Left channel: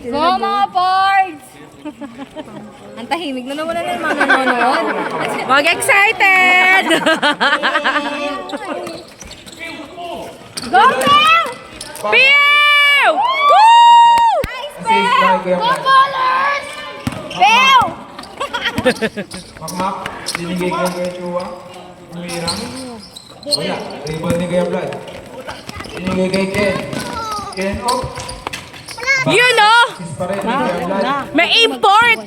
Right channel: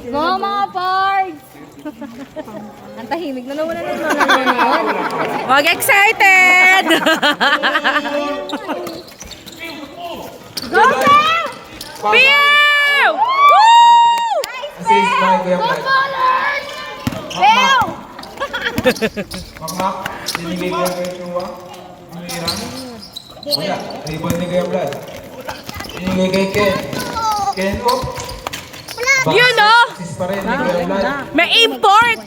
Go mga boys! Ang tahimik na naman na naman. Wag excited! Go, Bell! Pew! Assist na game Go, na. Ballers! Bell! Makmak, binigay ko kay Chua. Umira. Wala, rebound ni Game Blood. Binigay kay Ken. Ken ko. You know, Assist pa rin ni Game Blood. may import!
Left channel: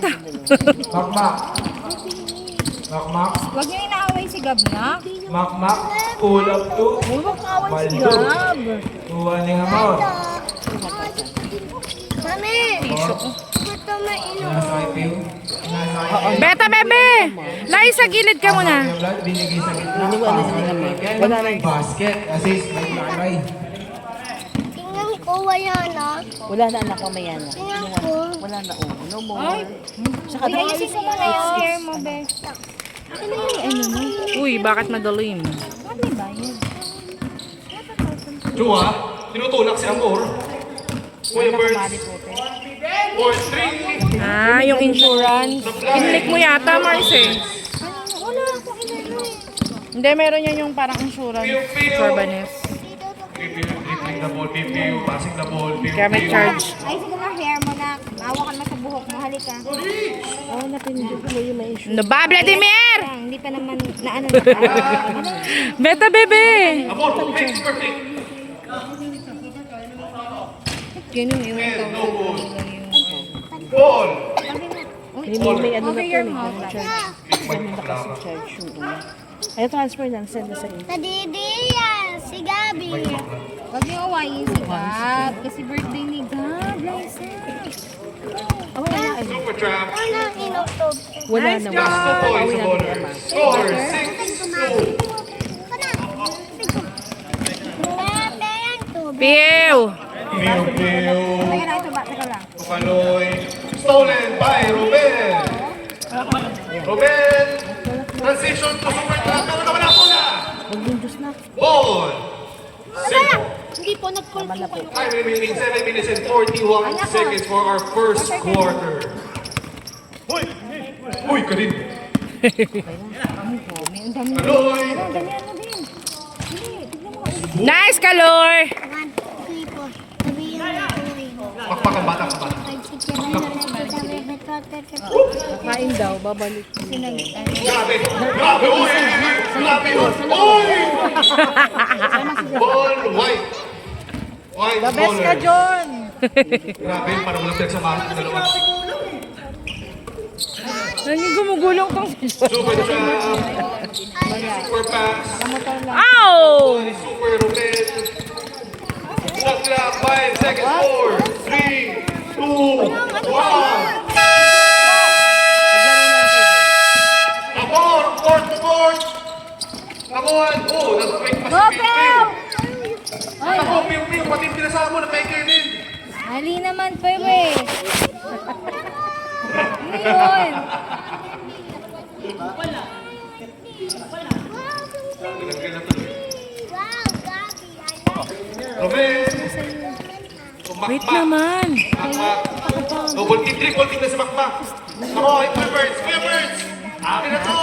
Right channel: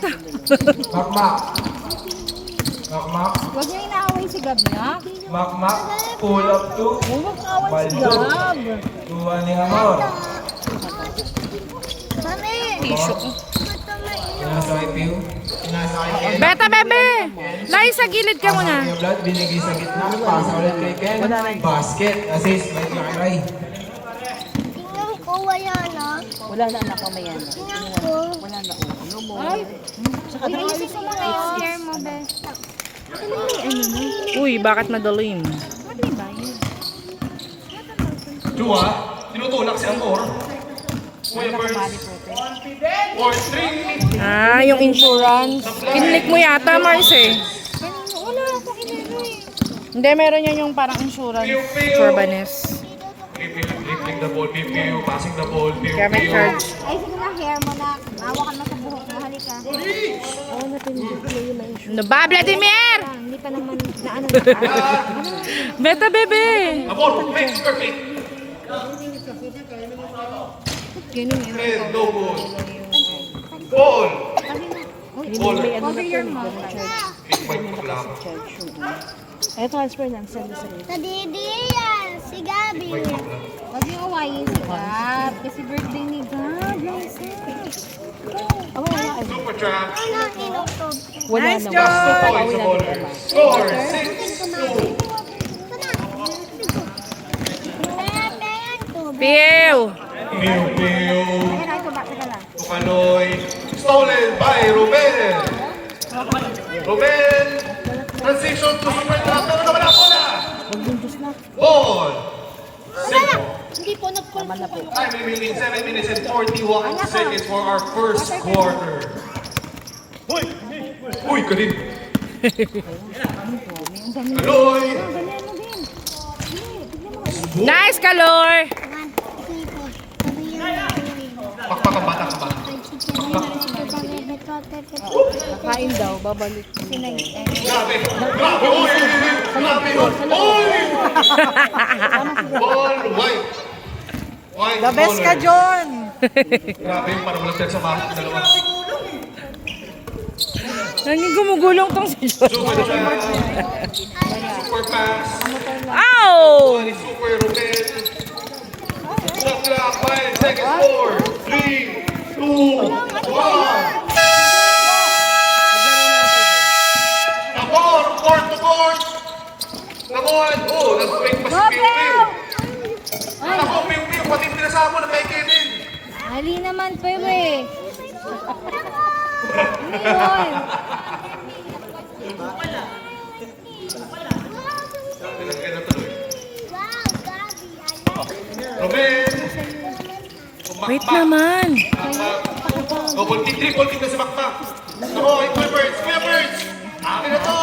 Makmak. Makmak. Huwag niyo inaaway si Gab niya. Makmak. Pull up to. Baldo. Tuwa ni Amor. Mami! Sinasakay Piu. Sinasakay Ken. Beta, bebe! Lai, sa gilid ka muna. Game Blood, binigay sa gitna. Pass ulit kay Ken. Basket. Assist. Naglalay. Tingnan ko wala na. Wala na anak ko may yan. Wala na oh. Ano mo? Saka Uy, ayusin mo muna yung hair mo, Be. Uy, bakit madalim? Chua, tinutulak si Amor. Ah, yung insurance. Inlik mo yata, Mars eh. Wala akong inano eh. Hindi, meron yan yung parang insurance. Corbanes. Keeping the ball, PPU, passing the ball, Kaya may charge. Ay, sige na, hair mo na. Maawa ka naman sa buhok mo. Halika. oh, napindot mo yung may issue. Ano ba, Vladimir? Hindi pa naman na ano na kaya. Beta, bebe! Ganun yung Ball! May ano na over to. your May mouth. charge. Ay, transfer lang. Send na sa inyo. Sa Didi yan, si Gabi. Huwag niyo awayin si Gab. Kasi birthday ni Gab. Nice Oh, wala. Ay, Ano inutob? wala na. Wala. Pauwi natin ni Emma. Score! Ate yan, tubig. Pew! Piu, Piu, Teka lang, ito ba? Teka lang. Panoy, stolen by Ruben! Ruben! Transition to super Huwag yung Diyos na. ball! Simple. Hindi po nag-call Tama na po. Time remaining 7 minutes and 41 seconds for our first quarter. Uy, kanin! Panoy! Nice, Kalor! Pakpak ang bata ka ba? Kakain daw. Babalik. Ball, white! White, The best ka, baller. John! Grabe, parang lapit sa mark ng dalawa. Nanging gumugulong tong si John. Super shot. Super pass. Ow! Super Ruben. Clock clock, 5 seconds, 4, 3, 2, 1. Amor, court to court. Amor, oh, nag-break pa si Piu. Ako, Piu, pati pinasama na kay Kevin. Mali naman pa eh. Ano yun? Ruben. Wait naman. Double kick, triple kick na si Makmak. Ako, Clippers. Akin na to.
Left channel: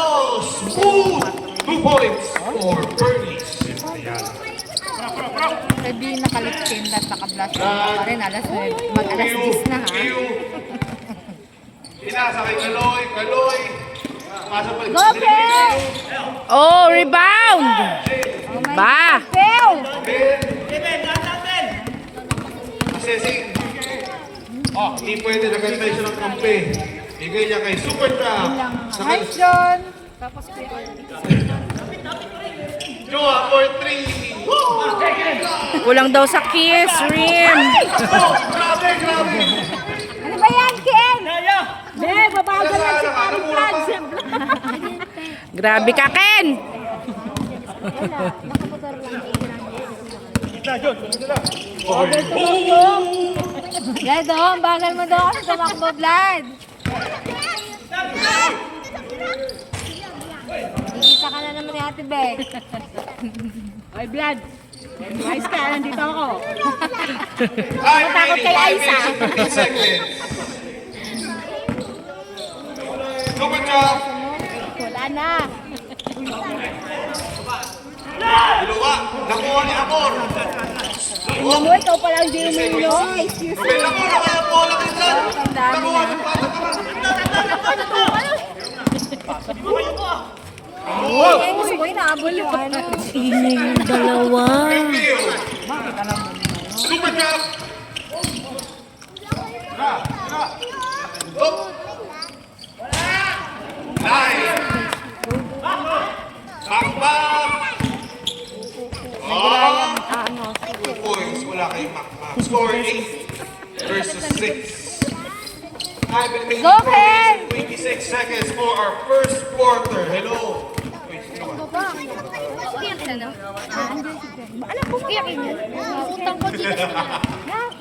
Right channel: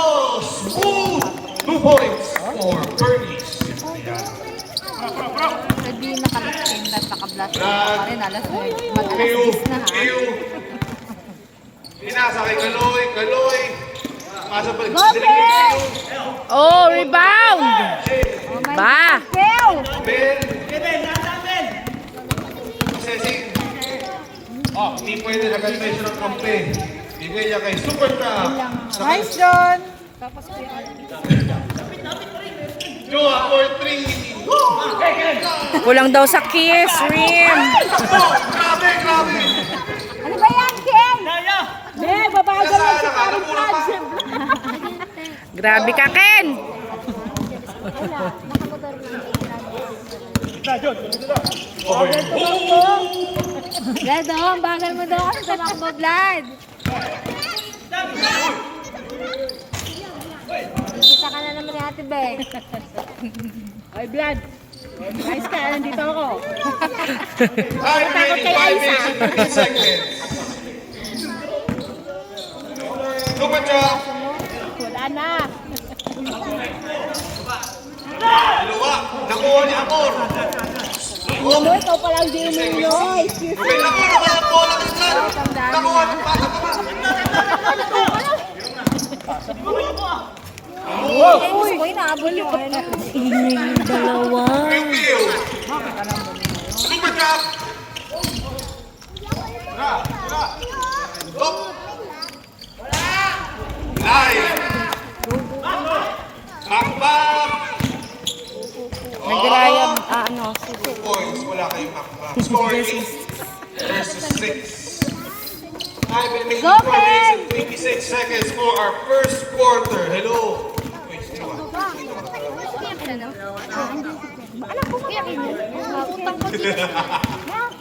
Smooth. 2 points for Bernice. Pwede yung nakalitin at naka-blush pa rin. Alas 10 na ha. Inasa kay Kaloy. Asa pa. Go, Bell! Oh, rebound! Ba! Bell! Ben. Assessing. Oh, hindi pwede na ganito yung ng kampe. Ibigay niya kay Super Trap. Nice, John! Joa for 3. Woo! Kulang daw sa kiss, rim. Grabe. Ano ba yan, Ken? Be, babagal lang si Paris Brad. Grabe ka, Ken! Gaya doon, bagal mo doon. Tumakbo, Vlad. Isa ka na naman ni Ate Beth. Ay, Vlad! Guys ka, nandito ako. Time remaining 5 minutes and 15 seconds. Good job. Wala na. Dalawa. Nakuha ni Amor. Mo, ikaw palang di mo. Ruben, nakuha na kaya po lang yun dyan. Nakuha na Gusto ko inaabol yung ano. Ingay yung dalawa. Super job. Up. Nice. Back. Nag-Ryan, ano. 2 points. Wala kayong back. Score 8 versus 6. Time remaining 4 minutes and 26 seconds for our first quarter. Hello. Anak ko, iyakin niya. Utang ko dito.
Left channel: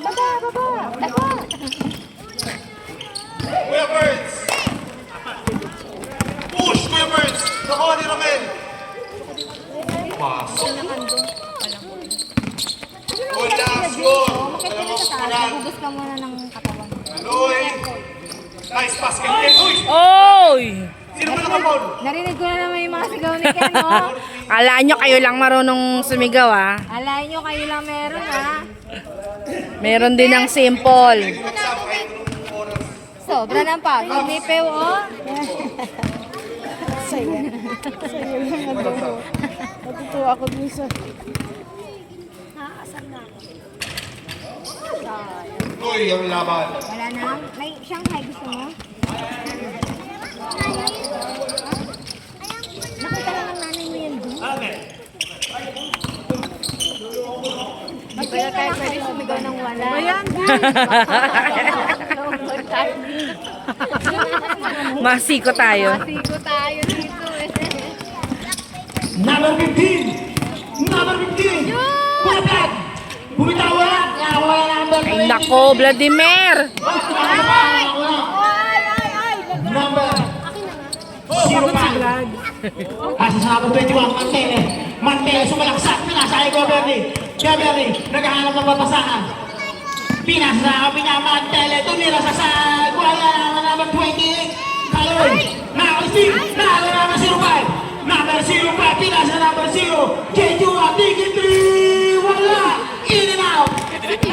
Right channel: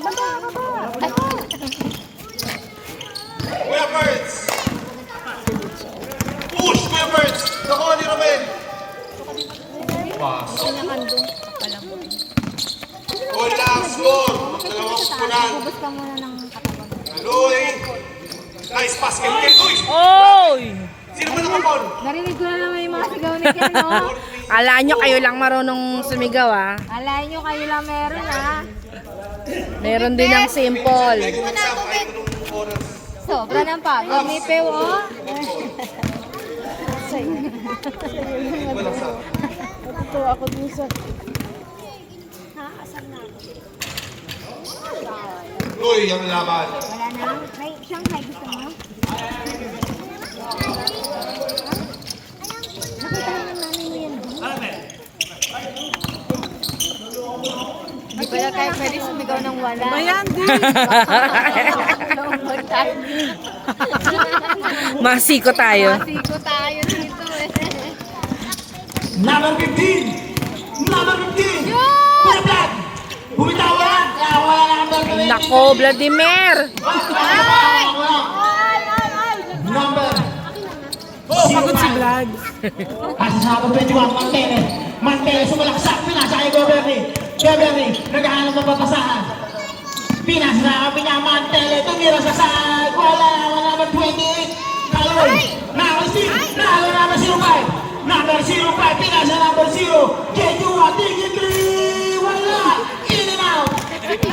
Baba. Kuya Birds! Push, Kuya Birds! Nakuha ni Ramel! Pasok. Oh, last goal! Bubus ka muna ng katawan. Aloy! Nice pass kay Ken. Uy! Oy! Sino ba nakapon? Narinig ko na naman yung mga sigaw ni Ken, no? Kala nyo kayo lang marunong sumigaw, ah. Alay nyo, kayo lang meron, ah. Meron din ng simple. Sobra ng pagod ni Peu, oh. Natutuwa ako dun sa... Uy, ang laban. Wala na. May siyang may gusto mo? Nakita naman namin yun. Di pala tayo pwede sumigaw ng wala. Bayan Masiko tayo. Masiko tayo dito, eh. Number 15! Number 15! Bumitaw! Bumitawan! Ay, nako, Vladimir! Number Pagod si Vlad. Pasa sa number 21, Mantele. Mantele, sumalaksak. Pinasakay ko, Beverly. Beverly, naghahanap ng papasahan. Pinasakay niya, Mantele. Tumira sa side. Wala na number 20. Kaloy. Nakalisip. Nalo number 05. Number 05. Pinasa number 0. Ketua, tingin 3. Wala. In and out.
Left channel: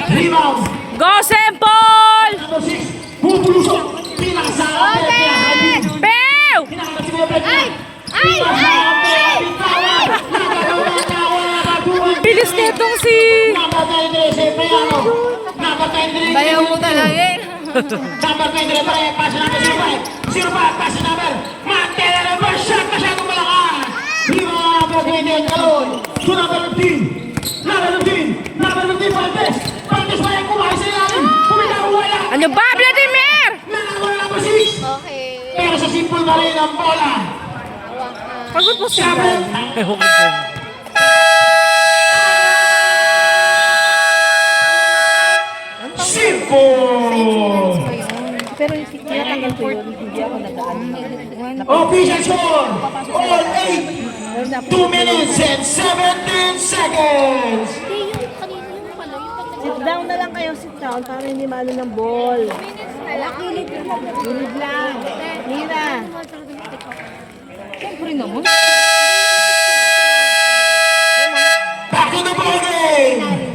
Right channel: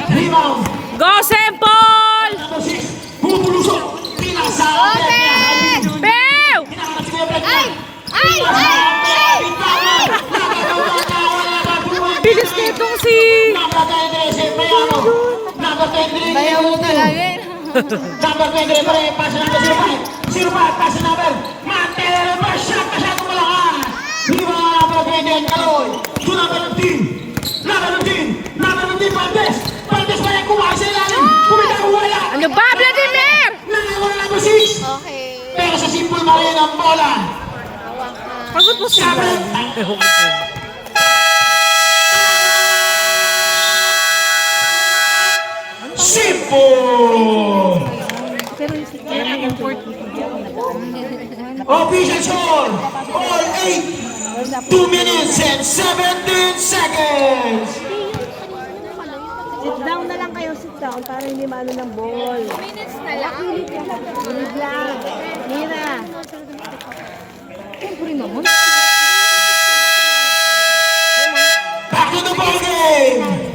Rebound. Go, Sempol! Number 6. Bumulusok. Pinasa. Pew! Bilis nitong si... Bayaw mo talaga, eh. Number 23, pass number 05. 05, pass number. Mantele, number shot, kasi kumalakan. Lima number 28, Kaloy. To number 15. Number 15. Number 15, Valdes. Valdes ba yung kumahay sa ilalim? Kumitaw, wala. Ano ba, Vladimir? Nanawal number 6. Okay. Pero sa simple na rin ang bola. Pagod po si Vlad. Simple! Pero tinatagal ko yun. Hindi ako nag-ano. Official score! All 8! 2 minutes and 17 seconds! Sit down na lang kayo, sit down, para hindi maano ng ball. Kilid lang. Nina. Siyempre naman. Back to the ball game!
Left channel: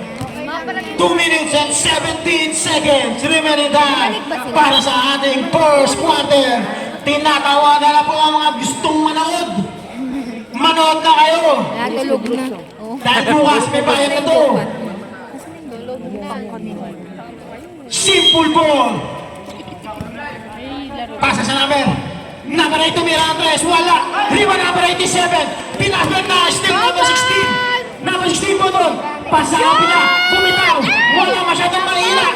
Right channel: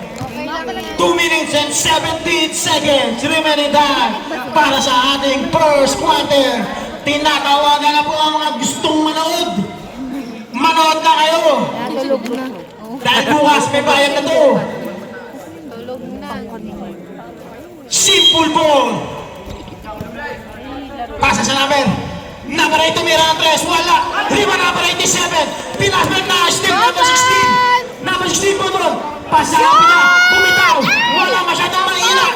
2 minutes and 17 seconds remaining time para sa ating first quarter. Tinatawagan na po ang mga gustong manood. Manood na kayo! Natulog na. Dahil bukas may bayad na to. Simple ball. Pasa sa number. Number 8 tumira ang press. Wala. Riba number 87. Pinasman na. Still number 16. Number 16 po doon. Pasa ang niya. Kumitaw. Wala masyadong mahila.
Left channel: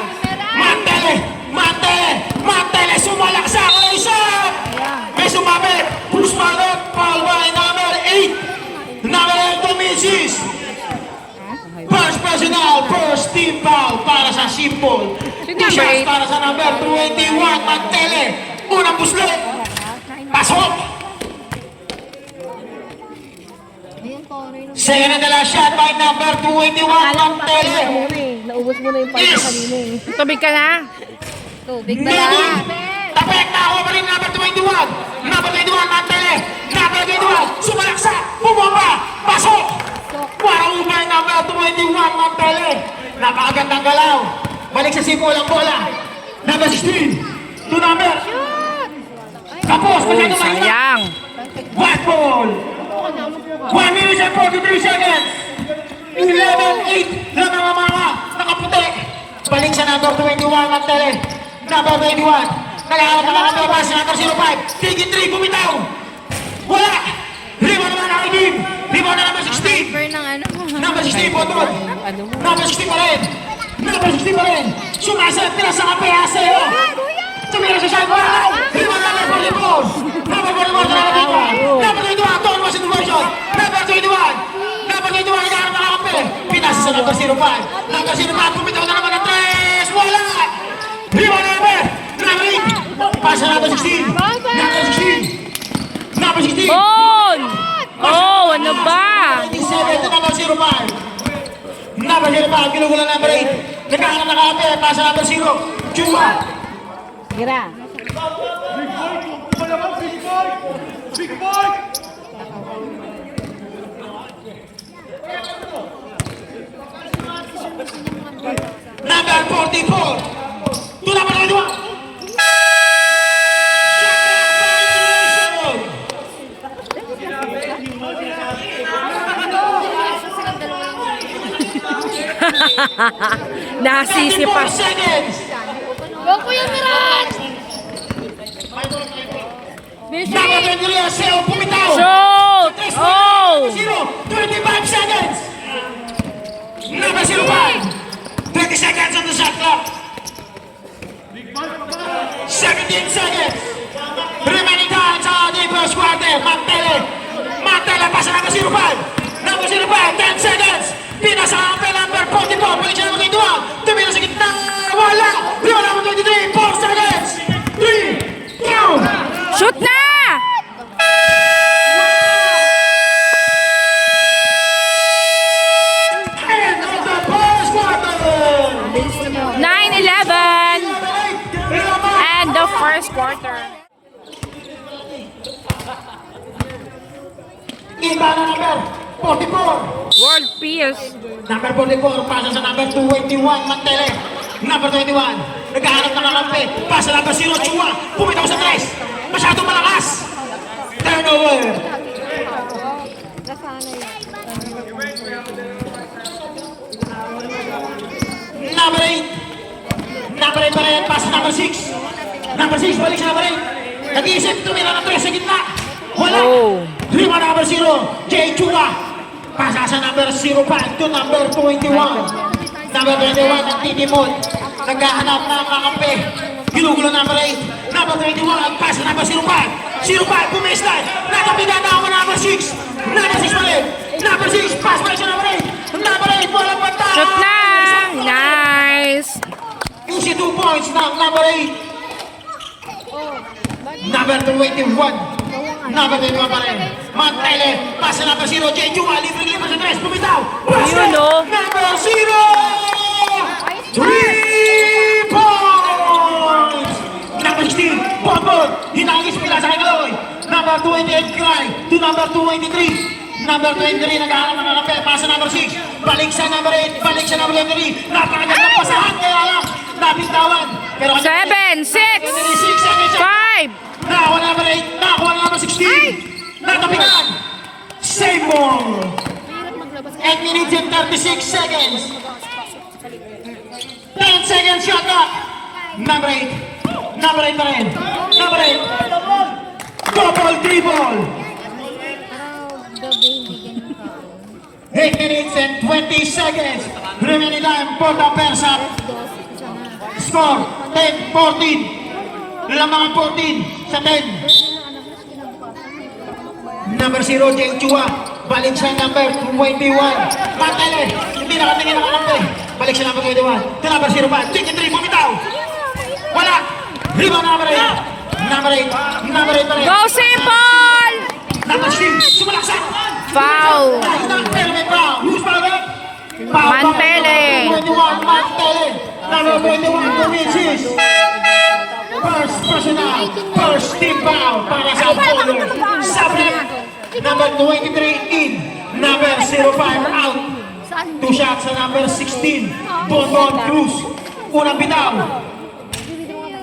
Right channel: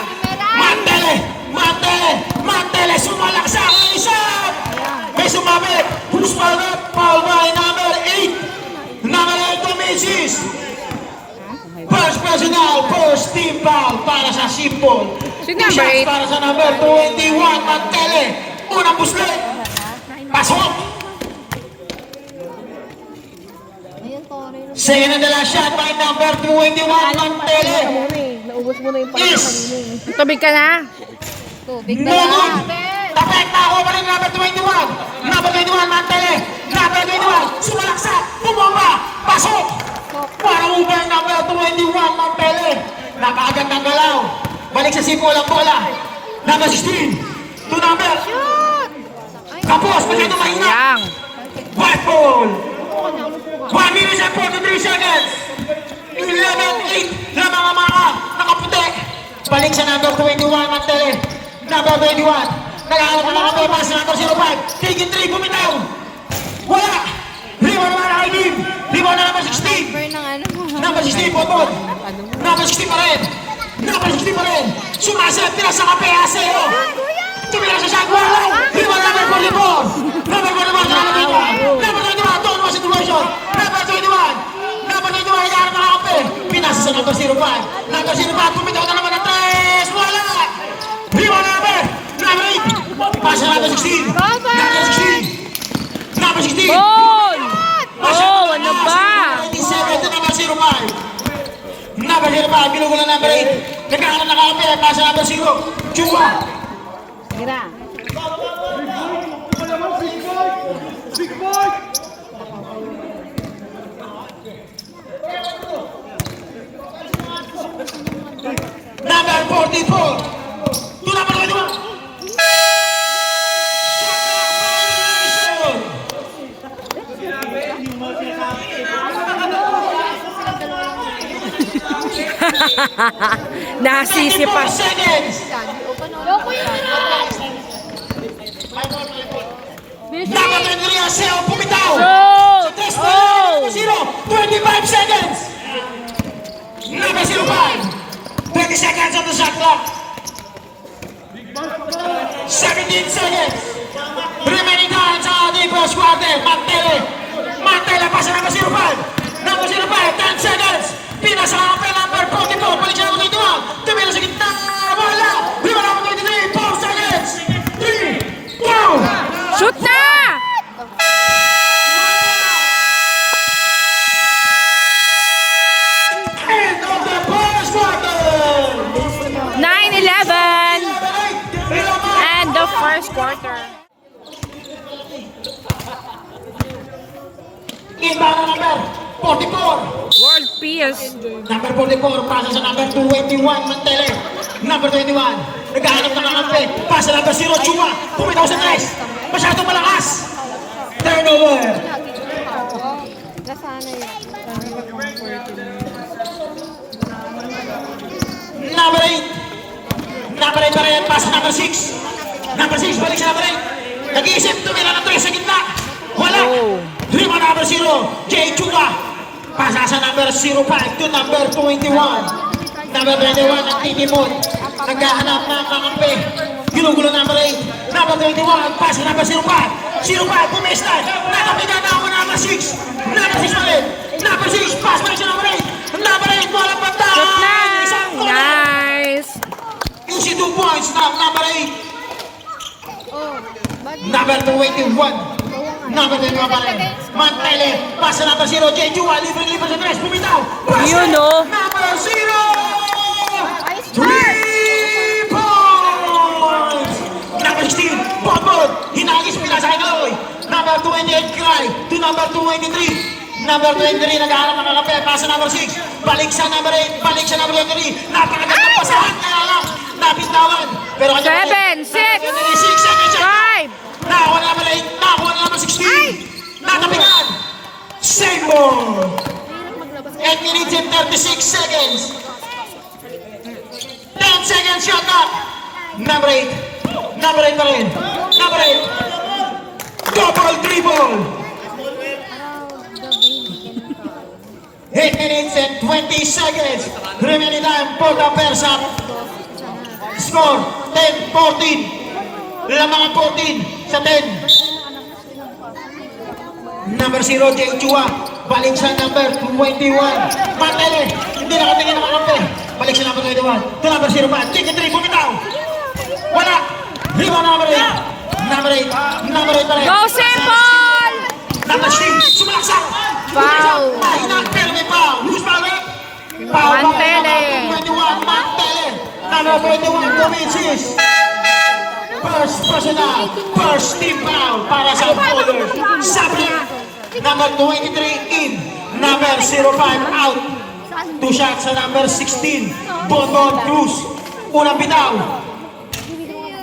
Mantele. Mantele. Mantele. Sumalak sa isa. May sumabit. Push ball up. Foul by number 8. Number 8 to Mrs. First personal, first team foul para sa Simple. T-shirts para sa number 21 at Tele. Unang buslet. Pasok! Ayun, Toro. Second and the last shot by number 21, Mantele. Naubos mo na yung pangit kanina eh. Tubig ka na. Tubig ba No lang? good. Tapek na ako pa rin number 21. Number 21, Mantele. Number 21, sumalaksak. Bumaba. Pasok. Para mo ba yung number 21, Mantele? Napakagandang galaw. Balik sa simula ang bola. Number 16. To number. Tapos, masyado mahina. Sayang. White ball. 1 minute and 43 seconds. 11-8 na mga nakaputok. Balik sa number 21, Mantele. Number 21. Nagkakaroon na lang ang bebas sa number 05. Tigit 3, bumitaw. Wala. Rebound naman ang Alvin. Rebound na number 16. Number ng ano mo. Number 16 po ito. Number 16 pa rin. Number 16 pa rin. Sumasat ka sa kapaya sa'yo. Tumira sa side. Wala. Rebound number 24. Number 21 na nakapunta. Number 21. Doon mo situation. Number 21. Number 21. Nagkaroon na lang kape. Pinasa sa number 05. Number 05. Pumitaw na naman ang 3. Wala. Rebound number 8. Pasa number 16. Number 16. Number 16. Ball! Oh, ano ba? 97 to number 05. Number 05, binugo na number 8. Nagkakaroon na kakape, pasa number 0. Chua. Gira. Number 44. To number 81. Nasisi pa. 94 seconds. Yoko yung mirage. Number 23, Aseo, pumitaw. Shoot! Test Oh! 25 seconds. Number 05. 20 seconds on the shot clock. 17 seconds. Remaining time sa the first quarter. Mantele. Mantele, pasa number 05. Number 05, 10 seconds. Pinasa ang number 44. Balik siya ng 22. Tumira sa gitna. Wala. Rebound number 23. 4 seconds. 3, 2. Shoot na! End of the first quarter. 9-11 and the first quarter. Iba na number 44. World peace. Number 44, pasa sa number 21, Mantele. Number 21, naghahanap ng kakampi. Pasa number 0, Chuma. Pumitaw sa 3. Masyadong malakas. Turnover. Number 8. Number 8 pa rin, pasa number 6. Number 6, balik sa number 8. Nag-iisip, tumira ng 3 sa gitna. Wala. Oh. Lima number 0, Jay Chua. Pasa sa number 05 to number 21. Number 21, ang Titimon. Naghahanap ng kakampi. Ginugulo number 8. Number 21, pasa number 05. 05, pumistan. Nakapinan na ako number 6. Number 6 pa rin. Number 6, pass pa rin sa number 8. Number 8, walang banta. Shoot na! Nice! Easy 2 points now, number 8. Number 21. Number 21 pa rin. Mantele, pasa number 0, Jay Chua. Libre-libre sa 3, pumitaw. Yun, oh. Number 0! 3 points! Number 16, Bonbon. Hinagis pila sa Kaloy. Number 28, Cry. To number 23. Number 23, naghahanap ng kape. Pasa number 6. Balik sa number 8. Balik sa number 23. Napakagandang pasahan. Kaya lang, napitawan. Pero 7, 6, 6 seconds. 5. Nakakuha na number 8. Nakakuha na number 16. Natapitan. Same ball. 8 minutes and 36 seconds. 10 seconds shot clock. Number 8. Number 8 pa rin. Number 8. Double dribble. 8 minutes and 20 seconds. Remaining time for the Persat. Score 10-14. Lamang 14 sa 10. Number 0, Jay Chua. Balik sa number 21. Mantele. Hindi nakatingin nakakampi. Balik sa number 21. To number 0 pa. Chicken 3, bumitaw. Wala. Rebound number 8. Number 8. Number 8 pa rin. Go, Simple! Number 16. Sumalaksak. Foul. Mahina. Number 21, Lumisis. First personal, first team foul para sa Bowlers. Sableng. Number 23, in. Number 05, out. 2 shots sa number 16, Bonbon Cruz. Unang bitaw.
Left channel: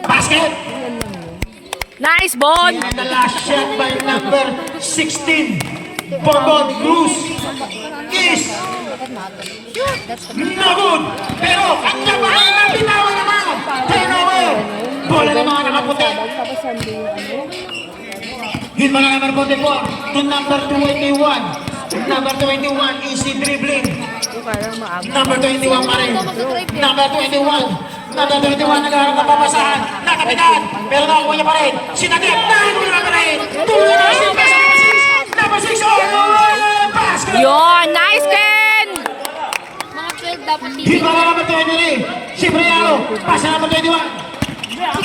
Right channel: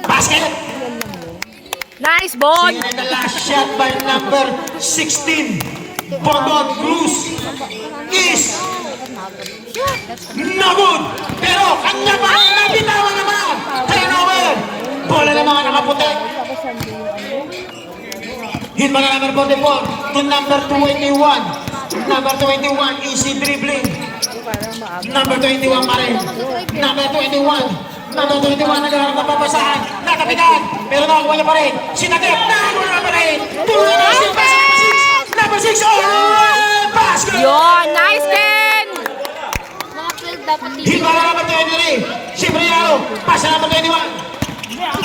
Basket. Nice ball! And the last shot by number 16, Bonbon Cruz, is no good. Pero kanya pa rin ang bitaw naman. Turnover. Bola ng mga nakaputi. Hit mo na number 44 to number 21. Number 21, easy dribbling. Number 21 pa rin. Number 21. Number 21 naghaharap ng papasahan. Nakapitan. Pero nakakuha niya pa rin. Sinagip. Nakakuha pa rin. Tuloy na siya. Number 6. Basket. Yon! Nice, Ken! Mga field dapat dito. Hit mo na number 23. Siyempre ano. Pasa number 21.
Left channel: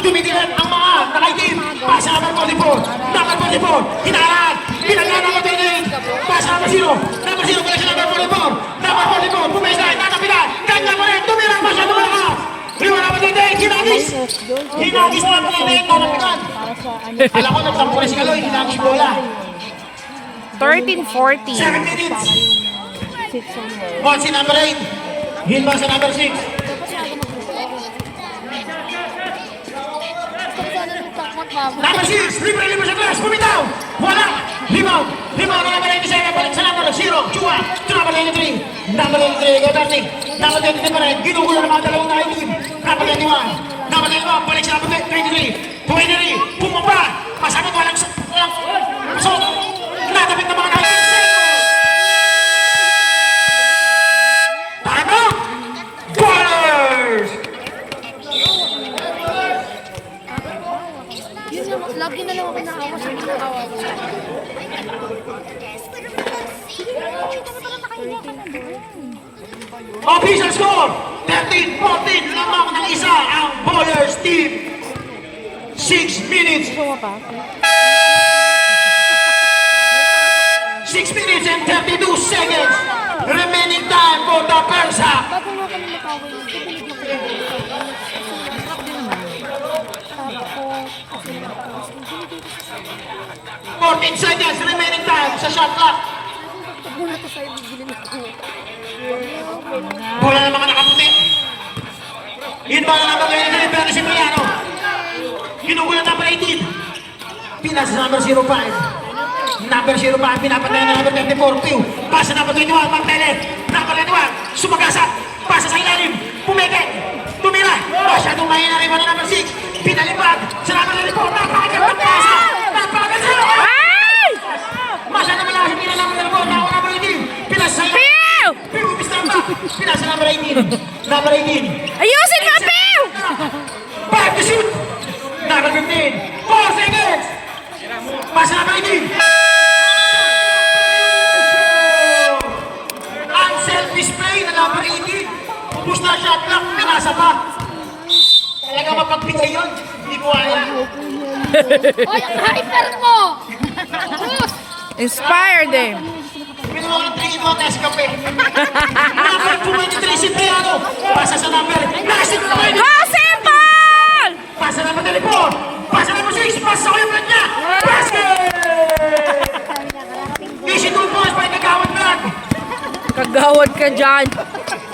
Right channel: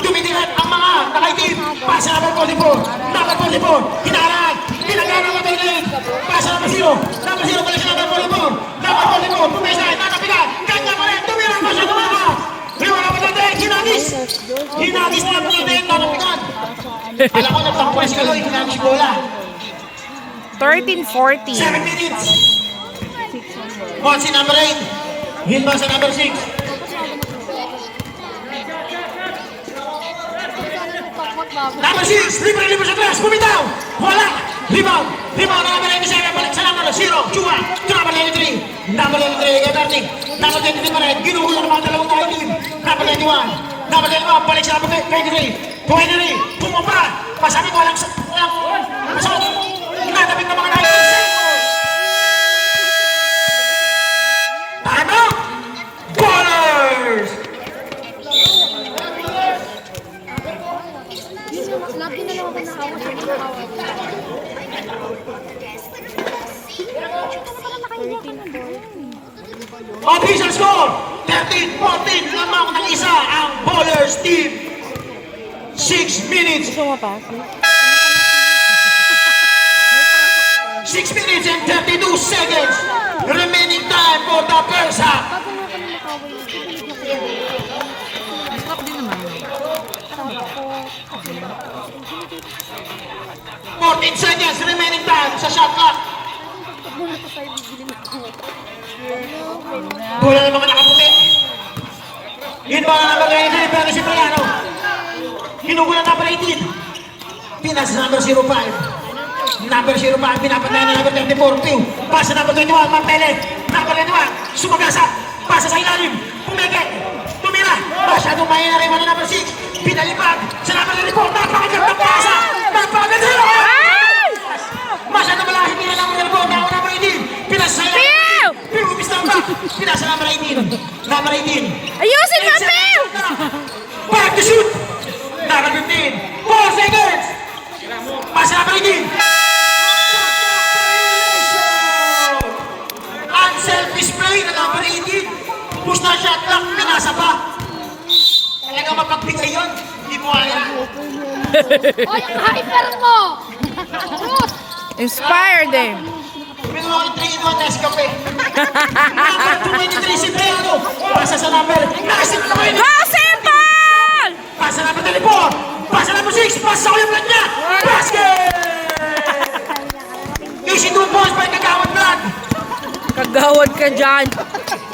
Tumitilan ang mga nakaitim. Pasa number 24. Number 24. Hinaharap. Pinagyan number 28. Pasa number 0. Number 0 pala siya number 44. Number 44. Pumesa. Nakapitan. Ganda pa rin. Tumilang pa siya. Tumilang. Hiwa naman natin, hinagis! Hinagis na naman natin, nanapitan! Alam ko, nagtampo na si Kaloy, hinagis bola. 13-14. 7 minutes! Ball si number 8. Hit ba sa number 6? Number 6, libre sa class, bumitaw! Wala! Rebound! Rebound na number 97, balik sa number 0, Chua! Ito number 93. Number 93, Gagarni. Number 23 pa rin, ginugulo ng mga dalawang nakaitim. Number 21. Number 21, balik sa number 23. 23, bumaba! Pasakit walang sa... Natabit ng mga nakaitim. Ano? Ballers! Lagi na lang ako Official score, 13-14, lamang ng isa ang Bowlers team. 6 minutes. 6 minutes and 32 seconds. Remaining time for the first half. Seconds remaining time sa shot clock. Bola ng mga nakaputi. Hit mga nakaputi. Pero si Mariano. Kinukulang number 18. Pinas number 05. Number 05. Pinapatay na number 34. Pasa number 21. Mantele. Number 21. Sumagasa. Pasa sa ilalim. Pumeke. Tumira. Masyadong mahina rin number 6. Pinalipad. Sa number 34. Napakagin. Pagkasa. Napakagin. Masyadong malakas. Hindi na number 34. Pinas sa ilalim. Pinasa number 18. Number 18. Ayusin mo, Phil! Back to shoot. Number 15. 4 seconds. Pasa number 18. Unselfish play na number 18. Pusta shot lang. Pinasa pa. Talaga mapagbigay yun. Hindi mo kaya. Ay, ang hyper mo! Inspired eh. Pinuha ko 3 in 1 nasa kape. Number 23 si Triano. Pasa sa number. Nakasit na kayo. Go, Simple! Pasa number 34. Pasa number 6. Pasa sa kayo niya. Basket! Easy 2 points by Kagawad Brad. Kagawad ka dyan.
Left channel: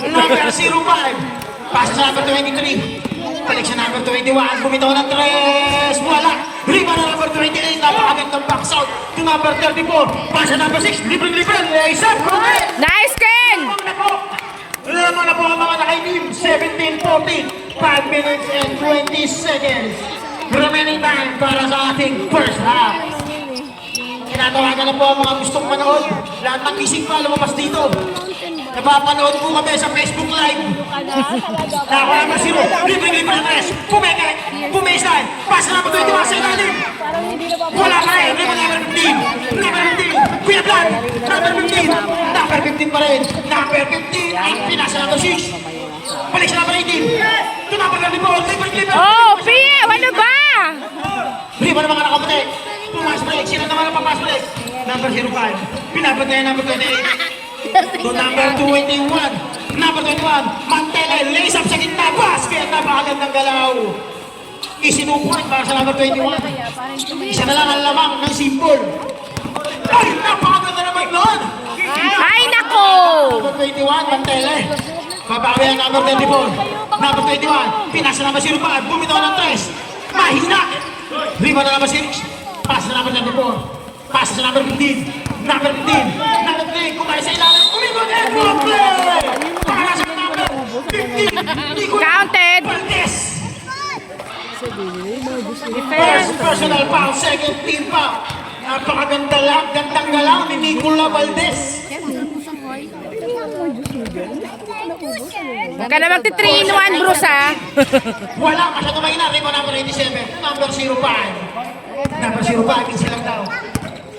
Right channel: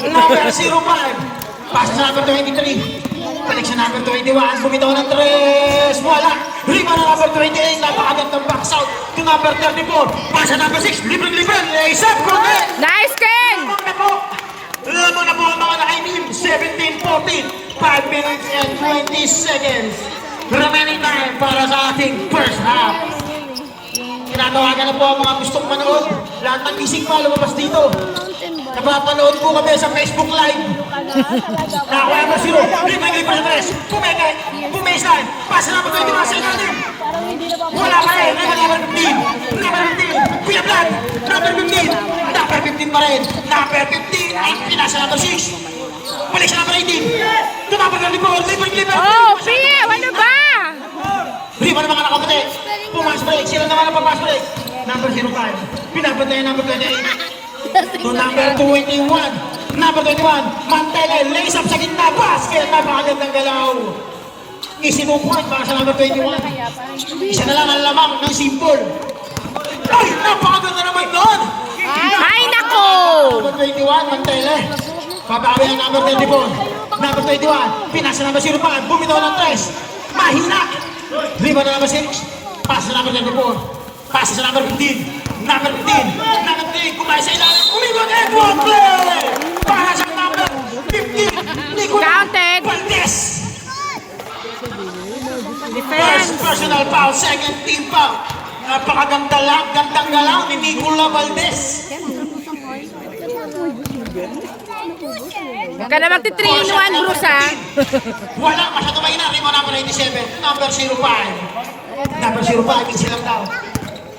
Number 05. Pasa sa number 23. Balik sa number 21. Bumitaw ng 3. Wala. Rito na number 28. Napakagandang box out. To number 34. Pasa number 6. Libre-libre. Layup. Nice, Ken! Lamang na po ang mga naka-team. 17-14. 5 minutes and 20 seconds. Remaining time para sa ating first half. Tinatawagan na po ang mga gustong manood. Lahat ng gising pa lumabas dito. Napapanood po kami sa Facebook Live. Nakakuha mo sino. Libre-libre pa tres. Pumeke. Pumisan. Pasa na po 21 sa ilalim. Wala ka rin. Number 15. Number 15. Kuya Brad. Number 15. Number 15 pa rin. Number 15 ang pinasa number 6. Balik sa number 18. To number 24. Libre-libre. Oh, Phil! Ano ba? Hindi mo na mga nakaputi. Pumas break. Sila naman ang papas break. Number 05. Pinapot niya yung number 28. To number 21. Number 21. Mante. Mantele, lace up sa gitna, basket, napakagandang galaw. Easy 2 point para sa number 21. Isa na lang ang lamang ng simple. Ay, napakaganda naman doon. Ay, nako! Number 21, Mantele. Pabawi ang number 24. Number 21, pinasa number 05, bumitaw ng 3. Mahina. Rebound na number 6. Pass na number 24. Pass sa number 15. Number 15. Number 3, kumay sa ilalim. Rebound and one play. Para sa number 15. Counted. Valdez. First personal foul, second team foul. Napakaganda lang, gandang galang ni Nicola Valdez. Huwag ka naman titrinuan, Bruce, ha? Walang masyado mahina. Rebound number 97. Number 05. Number 05, it's lang daw.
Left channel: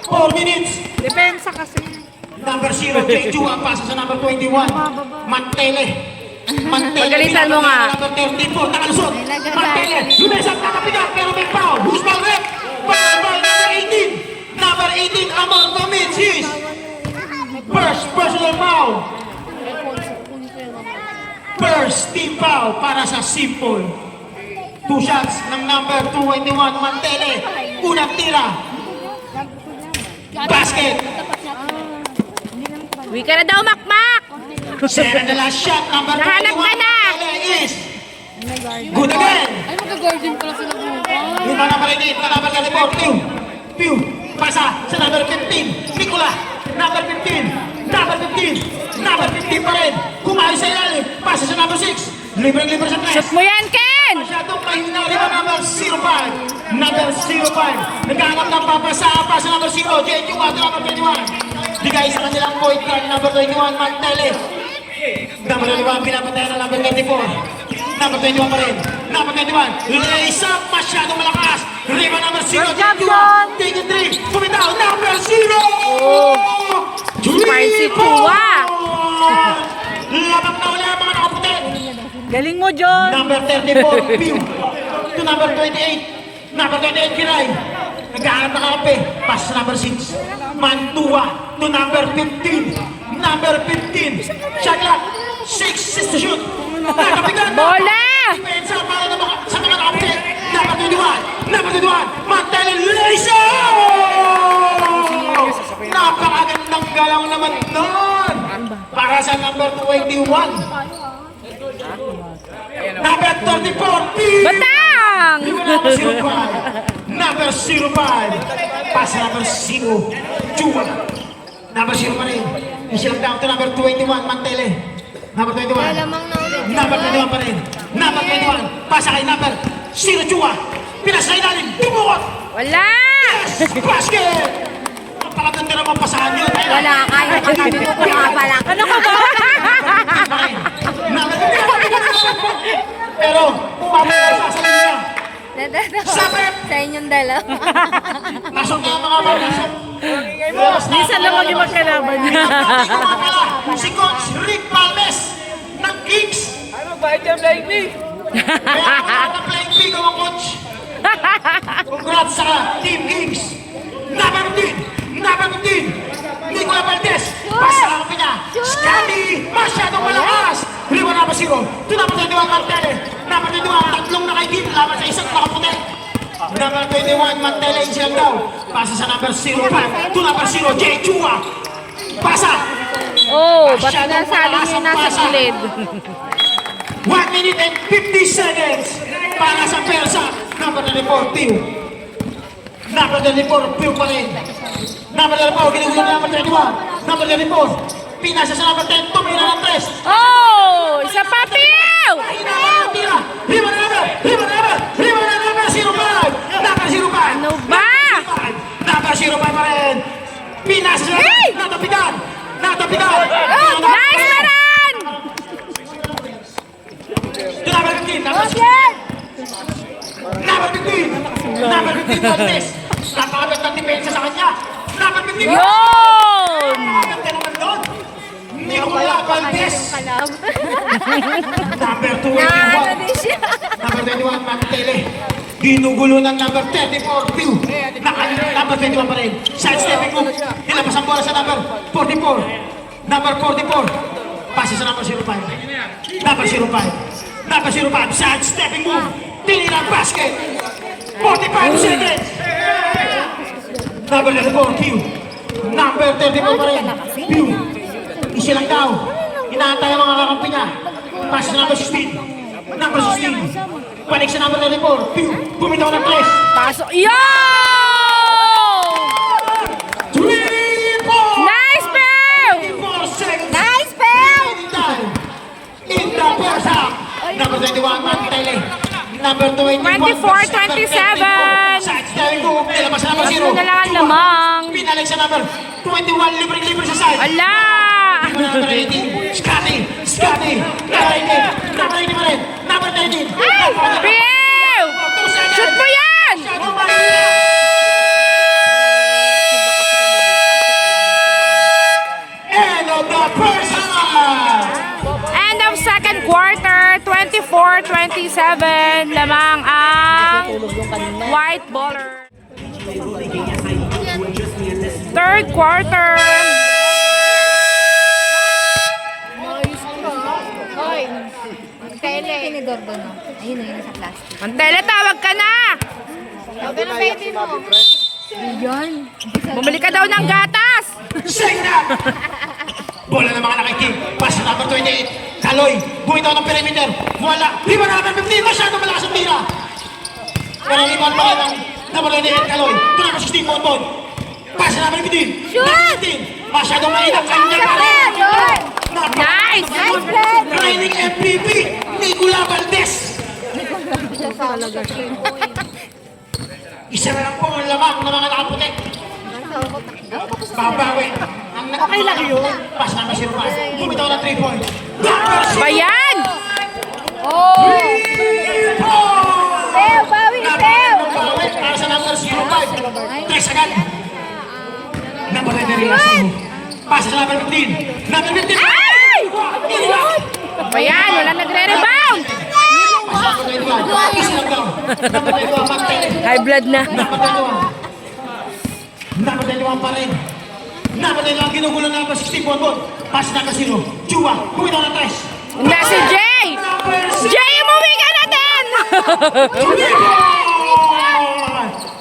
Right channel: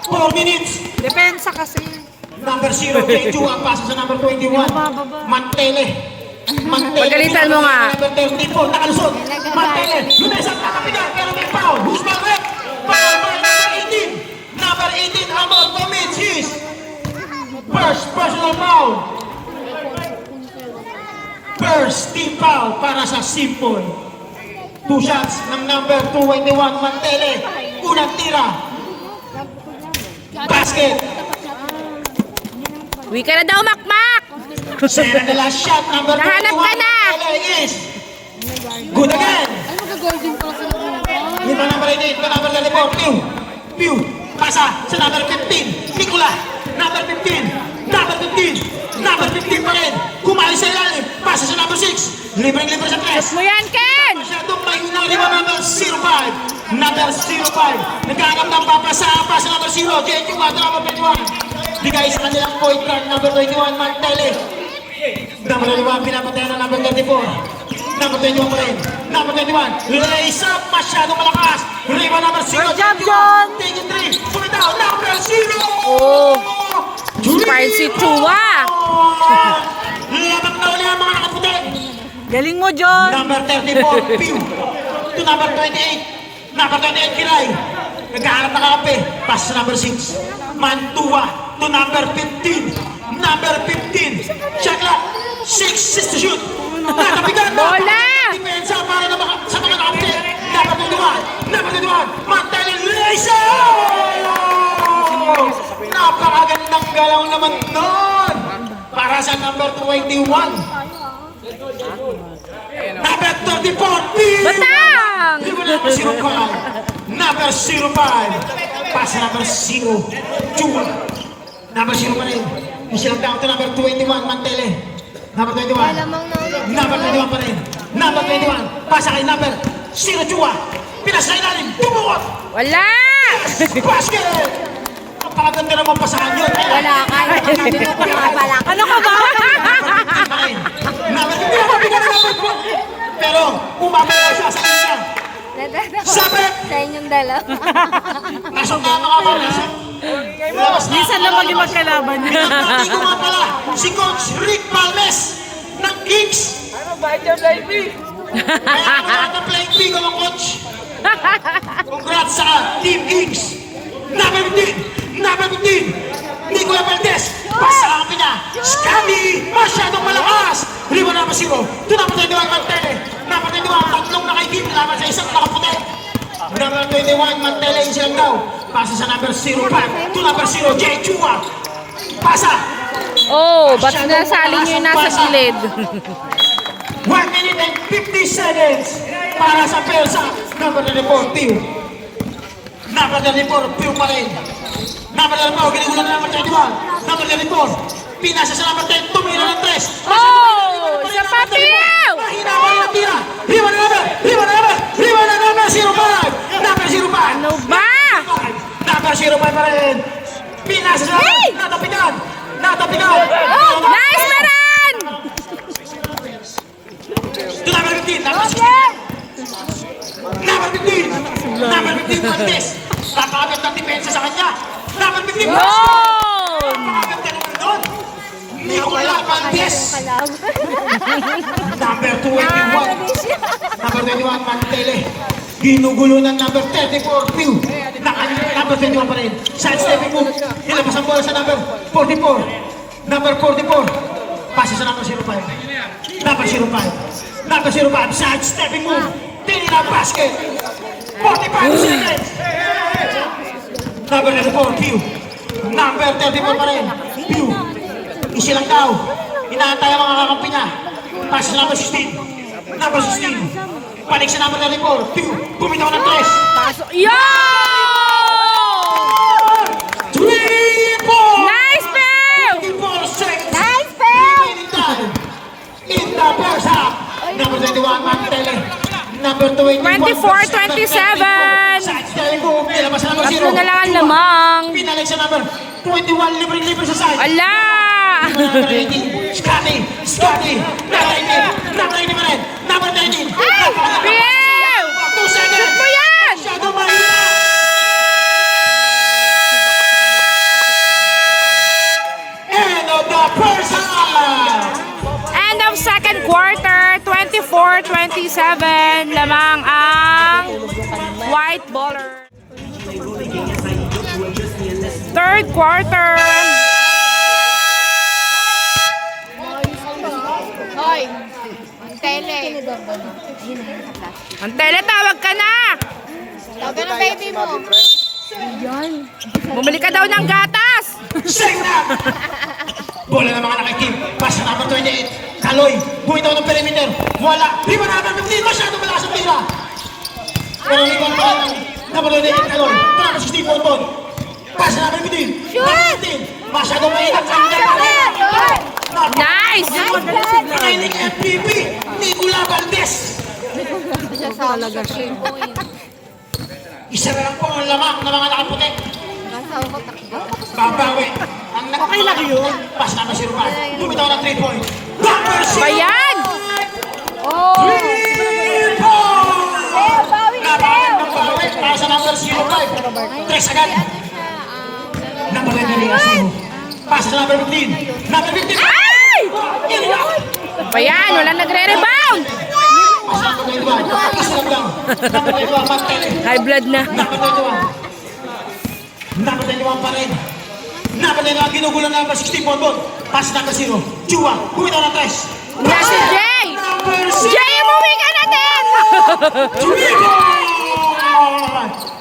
4 minutes. Depensa kasi. Number 0, J2, ang paso sa number 21. Mantele. Mantele, Pagalitan mo nga. Number 34, nakalusot. Mantele, lumesat, nakapigat, pero may foul. Who's foul with? Foul by number 18. Number 18, Amal commits his first personal foul. First team foul para sa Simple. 2 shots ng number 21, Mantele. Unang tira. Basket. Uwi ka na daw, Makmak! Second to last shot, number 21, Hanap ka na! Mantele is good again. Ay, mag-golden pala sila bukas. Yung number 88, na number 34, Pew. Pew. Pasa sa number 15, Nicola. Number 15. Number 15. Number 15 pa rin. Kumali sa ilalim. Pasa sa number 6. Libreng-libre sa press. Mo yan, Ken! Masyadong mahina rin ang number 05. Number 05. Nagkahanap ng papasa. Pasa number 0. J2 at number 21. Bigay sa kanilang point guard. Number 21, Mantele. Number 21, pinapatayan ng number 24. Number 21 pa rin. Number 21. Lace up. Masyadong malakas. Rebound number 0. Champion! 23. Sumitaw. Number 0. Oh. Spicy Chua! Labak na ulit ang mga nakapatid. Galing mo, John! Number 34, Pew. To number 28. Number 28, Kiray. Nag-aaral na kape. Pass sa number 6. Mantua. To number 15. Number 15. Shot clock. 6 to shoot. Bola! Depensa para sa mga nakapatid. Number 21. Number 21. Mantele Lisa! Napakagandang galaw naman nun. Para sa number 21. Number 34, Pew. Batang! Number 05. Number 05. Pass number 0. Chua. Number 0 pa rin. Isilang down to number 21. Mantele. Number 21. Number 21 pa rin. Number 21. Pasa kay number 0. Chua. Pinas sa ilalim. Tumuot. Wala! Basket. Napakaganda naman pasahan yun. Wala, kaya ka sabi mo kung bala. Ano ka ba? Pero umabot na siya sa kanya. Sabi! Sa inyong dalawa. Nasok na mga barisok. Minsan lang maging magkalaban niya. Si Coach Rick Palmes ng Kings. Bakit yung like me? Kaya nakaka-flying pigo ang coach. Congrats sa Team Kings. Number 15. Number 15. Nicola Valdez. Pasama ka niya. Scandi. Masyadong malakas. Riwa na ba si Ko? Doon ang 21 Mantele. Number 21. Tatlong nakaigit. Laban sa isang nakaputi. Number 21 Mantele. Isilang daw. Pasa sa number 05. To number 0. J. Chua. Pasa. Oh, ba't nasali niyo na sa gilid? 1 minute and 50 seconds para sa Persa. Number 34, Pew. Number 34, Pew pa rin. Number 34, ginigulan ng number 31. Number 34, pinasa sa number 10, tumira ng 3. Oh, isa pa, Pew! Mahina ka ng tira. Riwa na number, riwa na number, riwa na number 05. Number 05. Ano ba? Number 05 pa rin. Pinasa sa Hey! natapitan. Natapitan. Oh, nice na rin! Number 15, number 16. Number 15! Number 15, Valdez! Napakaganda ng depensa sa kanya! Number 15! Yun! Napakaganda naman doon! Nicola Valdez! Number 21! Number 21, Mantele! Ginugulo ng number 34, Pew! Number 21 pa rin! Side stepping move! Nilabas ang bola sa number 44! Number 44! Pasa sa number 05. Number 05. Number 05. Side stepping move. Dili na basket. 45 seconds. Number 34, Q. Number 34 pa rin. Q. Isa lang daw. Inaantay ang mga kakampi niya. Pasa sa number 16. Number 16. Balik sa number 34. Q. Bumitaw ng 3. Pasok. Yo! 3 points! Nice pair! 24 seconds. Nice, Pel! Time. In the first half. Number 21, Mark Taylor. Number 21, 24-27. Side stepping move. Nilabas sa number 0. Tatlo na lang ang lamang. Pinalik sa number 21. Libre-libre sa side. Ala! Number 18, Scotty, Scotty, number 18 pa rin, number 19, Pew! Shoot mo yan! End of the first half! End of second quarter, 24-27. Lamang ang white baller. Third quarter. Kinidorban. Yun na yun, naka-plastic. Ang tele, tawag ka na! Tawagan ang baby mo. Bumili ka daw ng gatas! Sing na! Bola ng mga nakikim, pass na number 28, Kaloy, bumitaw ng perimeter, wala, riba na naman 15, masyadong malakas ang tira. Pero riba pa rin ang number 28, Kaloy, ito naman 16, Bonbon, pass na number 15, number 15, masyadong mainang kanya pa rin. Nice! Training MVP, Nicola Valdez. Isa na lang po ang lamang ng mga nakaputi. Babawi. Okay lang yun. Pass na masirpan. Bumitaw ng 3 points. Bayan! Oh! Pel, bawi ni Pel! Babawi para sa number 05. Tres agad. Number 19 last name. Pass sa number 15. Number 15. Ay! Bayan, wala nagre-rebound! Pass sa number 21. Isa lang daw. Number 21, Mantay. High blood na. Number 21. Number 21 pa rin. Number 21, ginugulo na number 16 Bonbon. Pass number 0. Chua, bumitaw ng 3. Na si Jay! Jay, umuwi ka na din!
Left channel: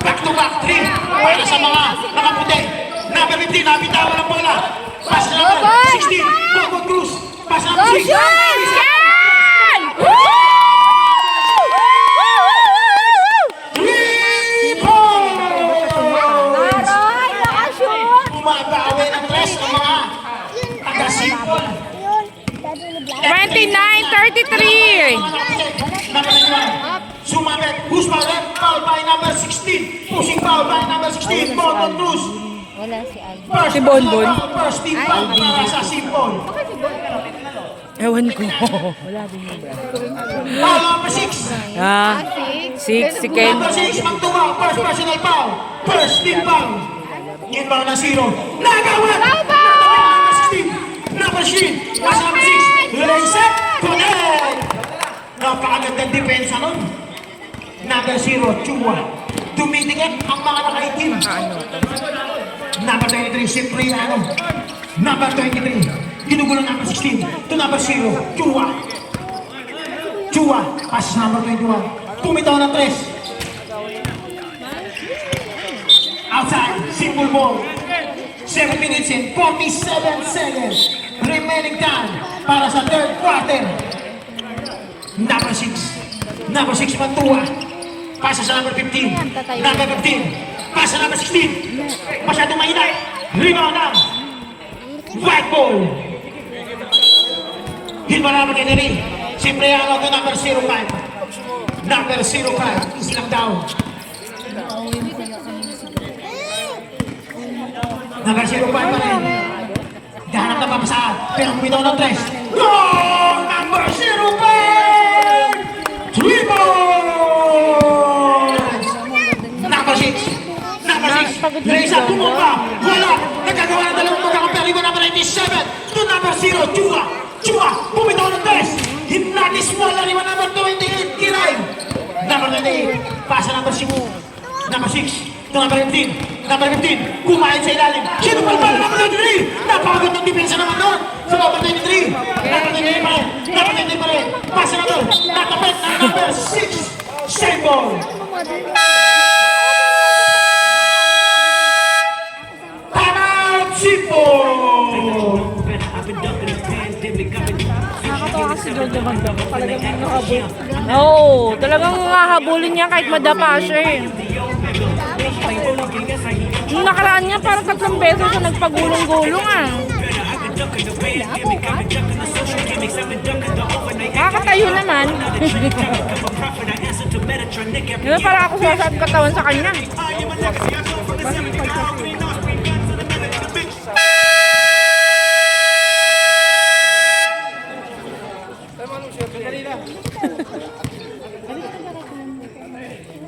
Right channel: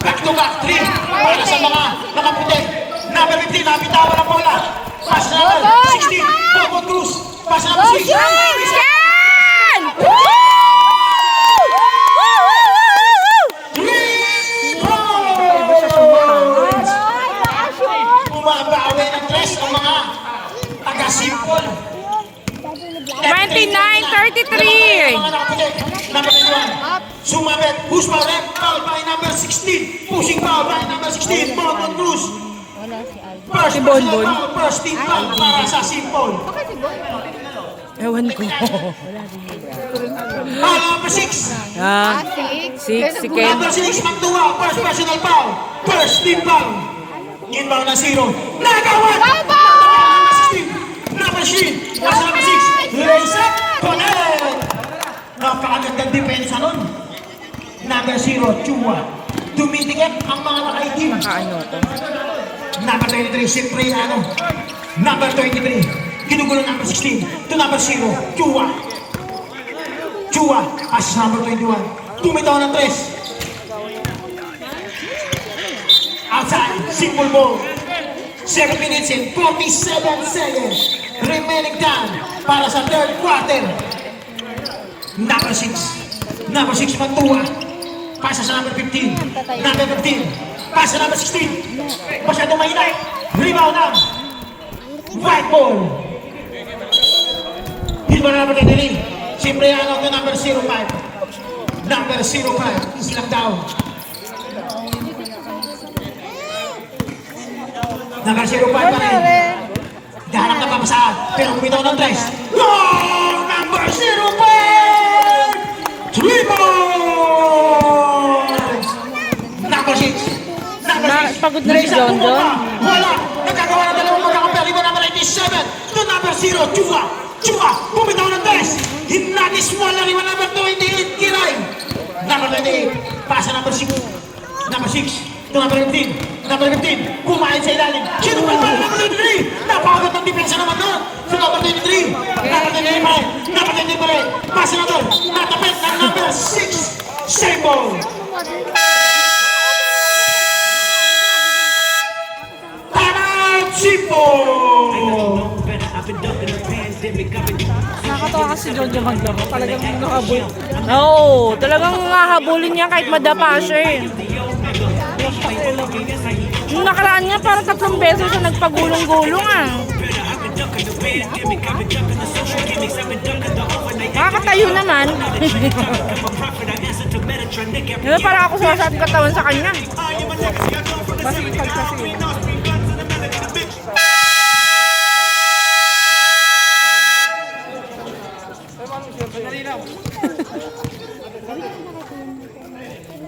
Back to back 3 para sa mga puti. Number 15, nabitawan ang bola. Pass number 16, Bonbon Cruz. Pass number 6. Yan! 3 points! Bumabawi ng 3 ang mga taga-simple. 29-33. Sumabit, push power, foul by number 16. Pushing foul by number 16, Bonbon Cruz. Si Bonbon. First team foul para sa simple. Ewan ko. Foul number 6. Ah, si Ken. Number 6, Magdua, first personal foul. First team foul. Inbound ng 0. Nagawa! Number 16. Number 16. Pass number 6. Raise up. Connect. Napakagandang depensa nun. Number 0, Chua. Tumitikot ang mga nakaitim. Number 23, Cipriano. Number 23. Ginugulo number 16. To number 0, Chua. Chua. Pass number 21. Pumitaw ng 3. Outside, simple ball. 7 minutes and 47 seconds. Remaining time para sa third quarter. Number 6. Number 6, Mantua. Pasa sa number 15. Number 15. Pasa sa number 16. Masyadong mahina. Rebound na. White ball. Hilma number 23. Siyempre ano ito number 05. Number 05. Islang down. Number 05 pa rin. Dahanap na papasaan. Pero bumitaw ng 3. Oh! Number 05! 3 points! Number 6. Number 6. Reza, tumumpa. Wala. Nagkagawa na dalawang mga kapalibo number 97. To number 0. Chua. Chua. Bumitaw ng 3. Hinatis wala rin number 28. Kiray. Number 28. Pasa number 6. Number 6. To number 15. Number 15. Kumain sa ilalim. Sino palpal? Number 23. Napakagod ng depensa naman doon. Sa number 23. Number 20 pa rin. Pasa na doon. Natapit ang number 6. Sable. Time Chipo. Oo, talagang hahabulin niya kahit madapa siya eh. Yung nakaraan nga parang 3 beses siya nagpagulong-gulong ah. Nakakatayo naman. Diba parang ako sumasad katawan sa kanya.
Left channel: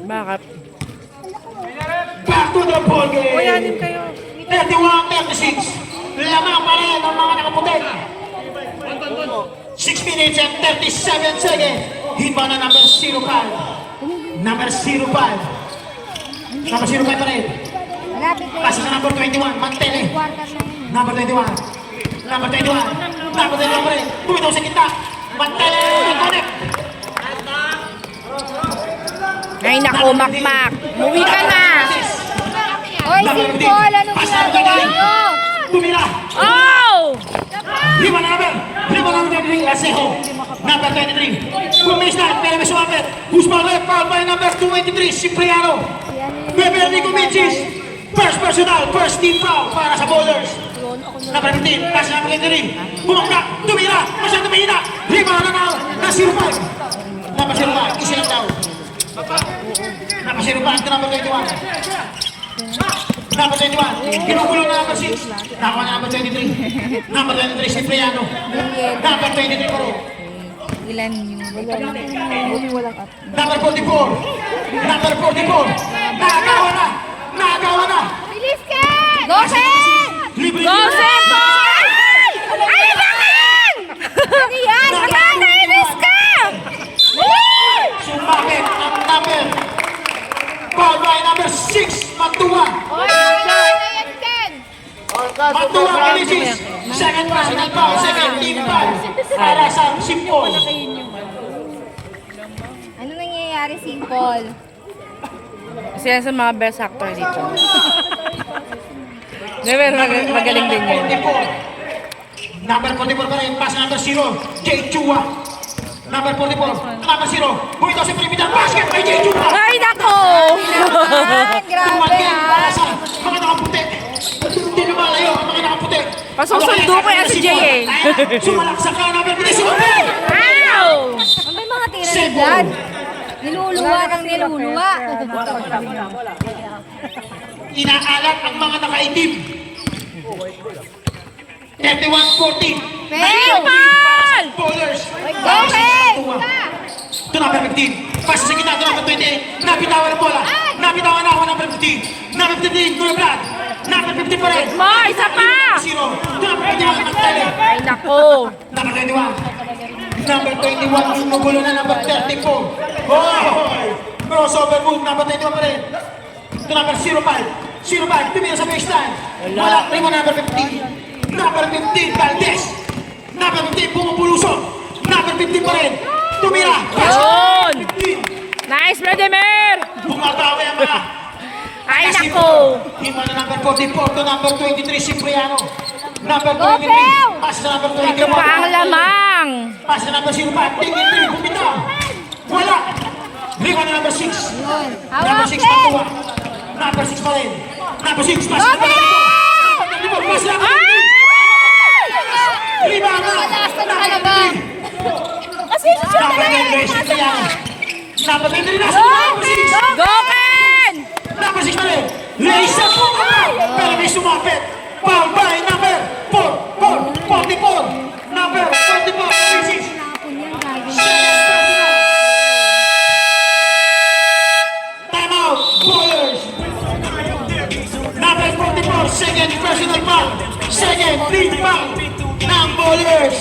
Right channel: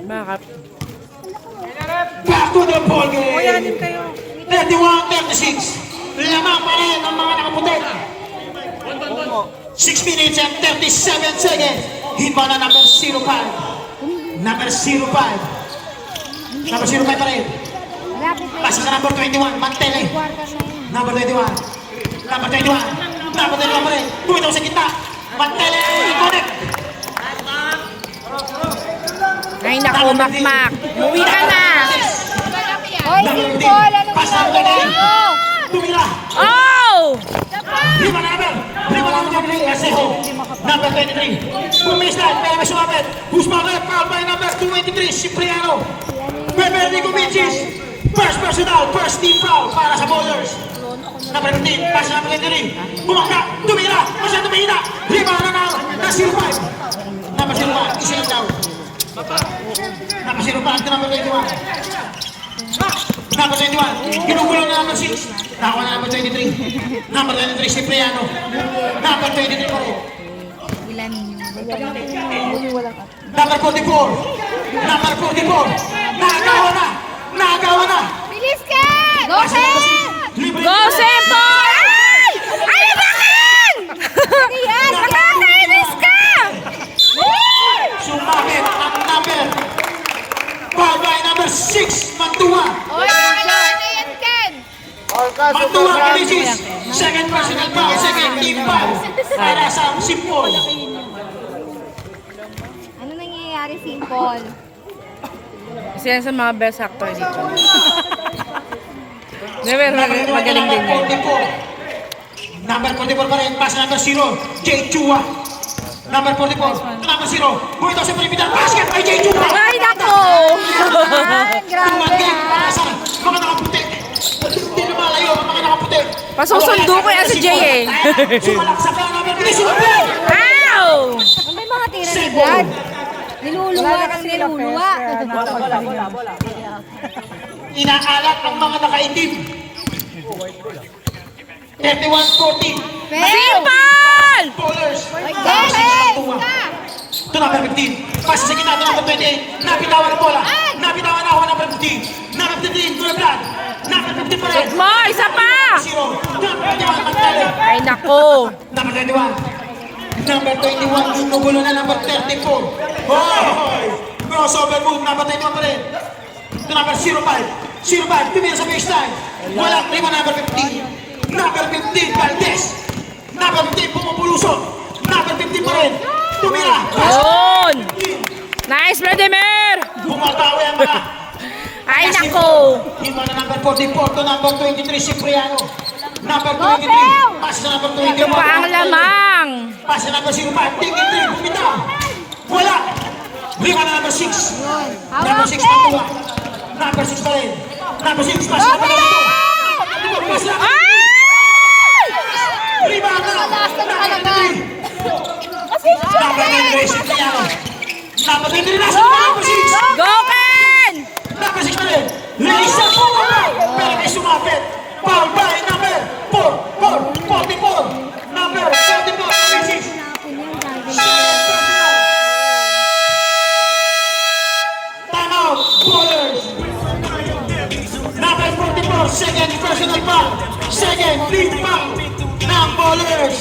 Bakit? Back to the ball game. Kuyanin kayo. 31-36. Lamang pa rin ang mga nakaputi. 6 minutes and 37 seconds. Hit ba na number 05? Number 05. Number 05 pa rin. Malapit na Pasa sa number 21. Mantele. Number 21. Number 21. Number 21 pa rin. Bumitaw sa kita. Mantele. Connect. Ay nako, Makmak. Muwi ka na. Hoy, Simpol! Anong ginagawa nyo? Tumira. Oh! Lima na number. Lima na number. Aseho. Number 23. Bumis na. Kaya may sumapit. Husmanet. Foul by number 23. Cipriano. Beverly Comichis. First personal. First team foul para sa bowlers. Number 15. Pass number 23. Bumagka. Tumira. Masya tumira. Lima na now. Na 05. Number 05. Isa yung tao. Number 05. Ito number 21. Number 21, ginugulo na number 6. Tawa na number 23. Number 23, Cipriano. Number 23 po. Ilan yung... Number 44. Number 44. Nagawa na. Nagawa na. Bilis ka! Dose! Libre. Joseph Boy! Ay, naman! Ano yan? Nakakainis ka! Sumabit ang number. Ball by number 6. Mantua. Oy, yan dyan! Mantua Comichis. Second personal foul. Second team foul. Para sa Simpol. Ano nangyayari, Simpol? Sila sa mga best actor dito. Diba, magaling din yun. Number 44 pa rin, pass number 0, Jay Chua. Number 44, number 0, buwito si Primital, basket kay Jay Chua. Ay, nako! Ay, grabe Tumagay ha! para sa mga nakaputi. Hindi na malayo ang mga nakaputi. Pasusundo ko yan si Jay eh. Sulak sa kanya number 3, Ow! May mga tira ni Brad. Niluluwa ng niluluwa. Inaalat ang mga nakaitim. 31-14. Pero! Bowlers. Dose! Ito number 15. Pasa sa kita, ito number 28. Napitawan ito lang. Napitawan na ako number 15. Number 15, Gulbrad. Number 50 pa rin. Mo, isa pa! 0. Number 21, Magdali. Ay, nako! Number 21. Number 21, inugulo na number 34. Oh! Crossover move, number 21 pa rin. Ito number 05. 05, tumira sa baseline. Wala, rin mo number 15. Number 15, Valdez. Number 15, pumupulusok. Number 15 pa rin. Tumira. Yun! Nice, Vladimir! Bumatawi ang mga. Ay, nako! Hima na number 44 to number 23, Cipriano. Number 23, pass na number 23. Ito pa ang lamang! Pass na number 05, tingin 3, bumitaw. Wala. Lima na number 6. Number 6, Mantua. Number 6 pa rin. Number 6, pass na number 2. Lima na. Number 9, Cipriano. Number 23 na, number 6. Go, Ken! Number 6 pa rin. Lisa po para may sumapit. Foul by number 44. Number 44, number 6. Time out, bowlers. Number 44, second personal foul. Second team foul ng bowlers.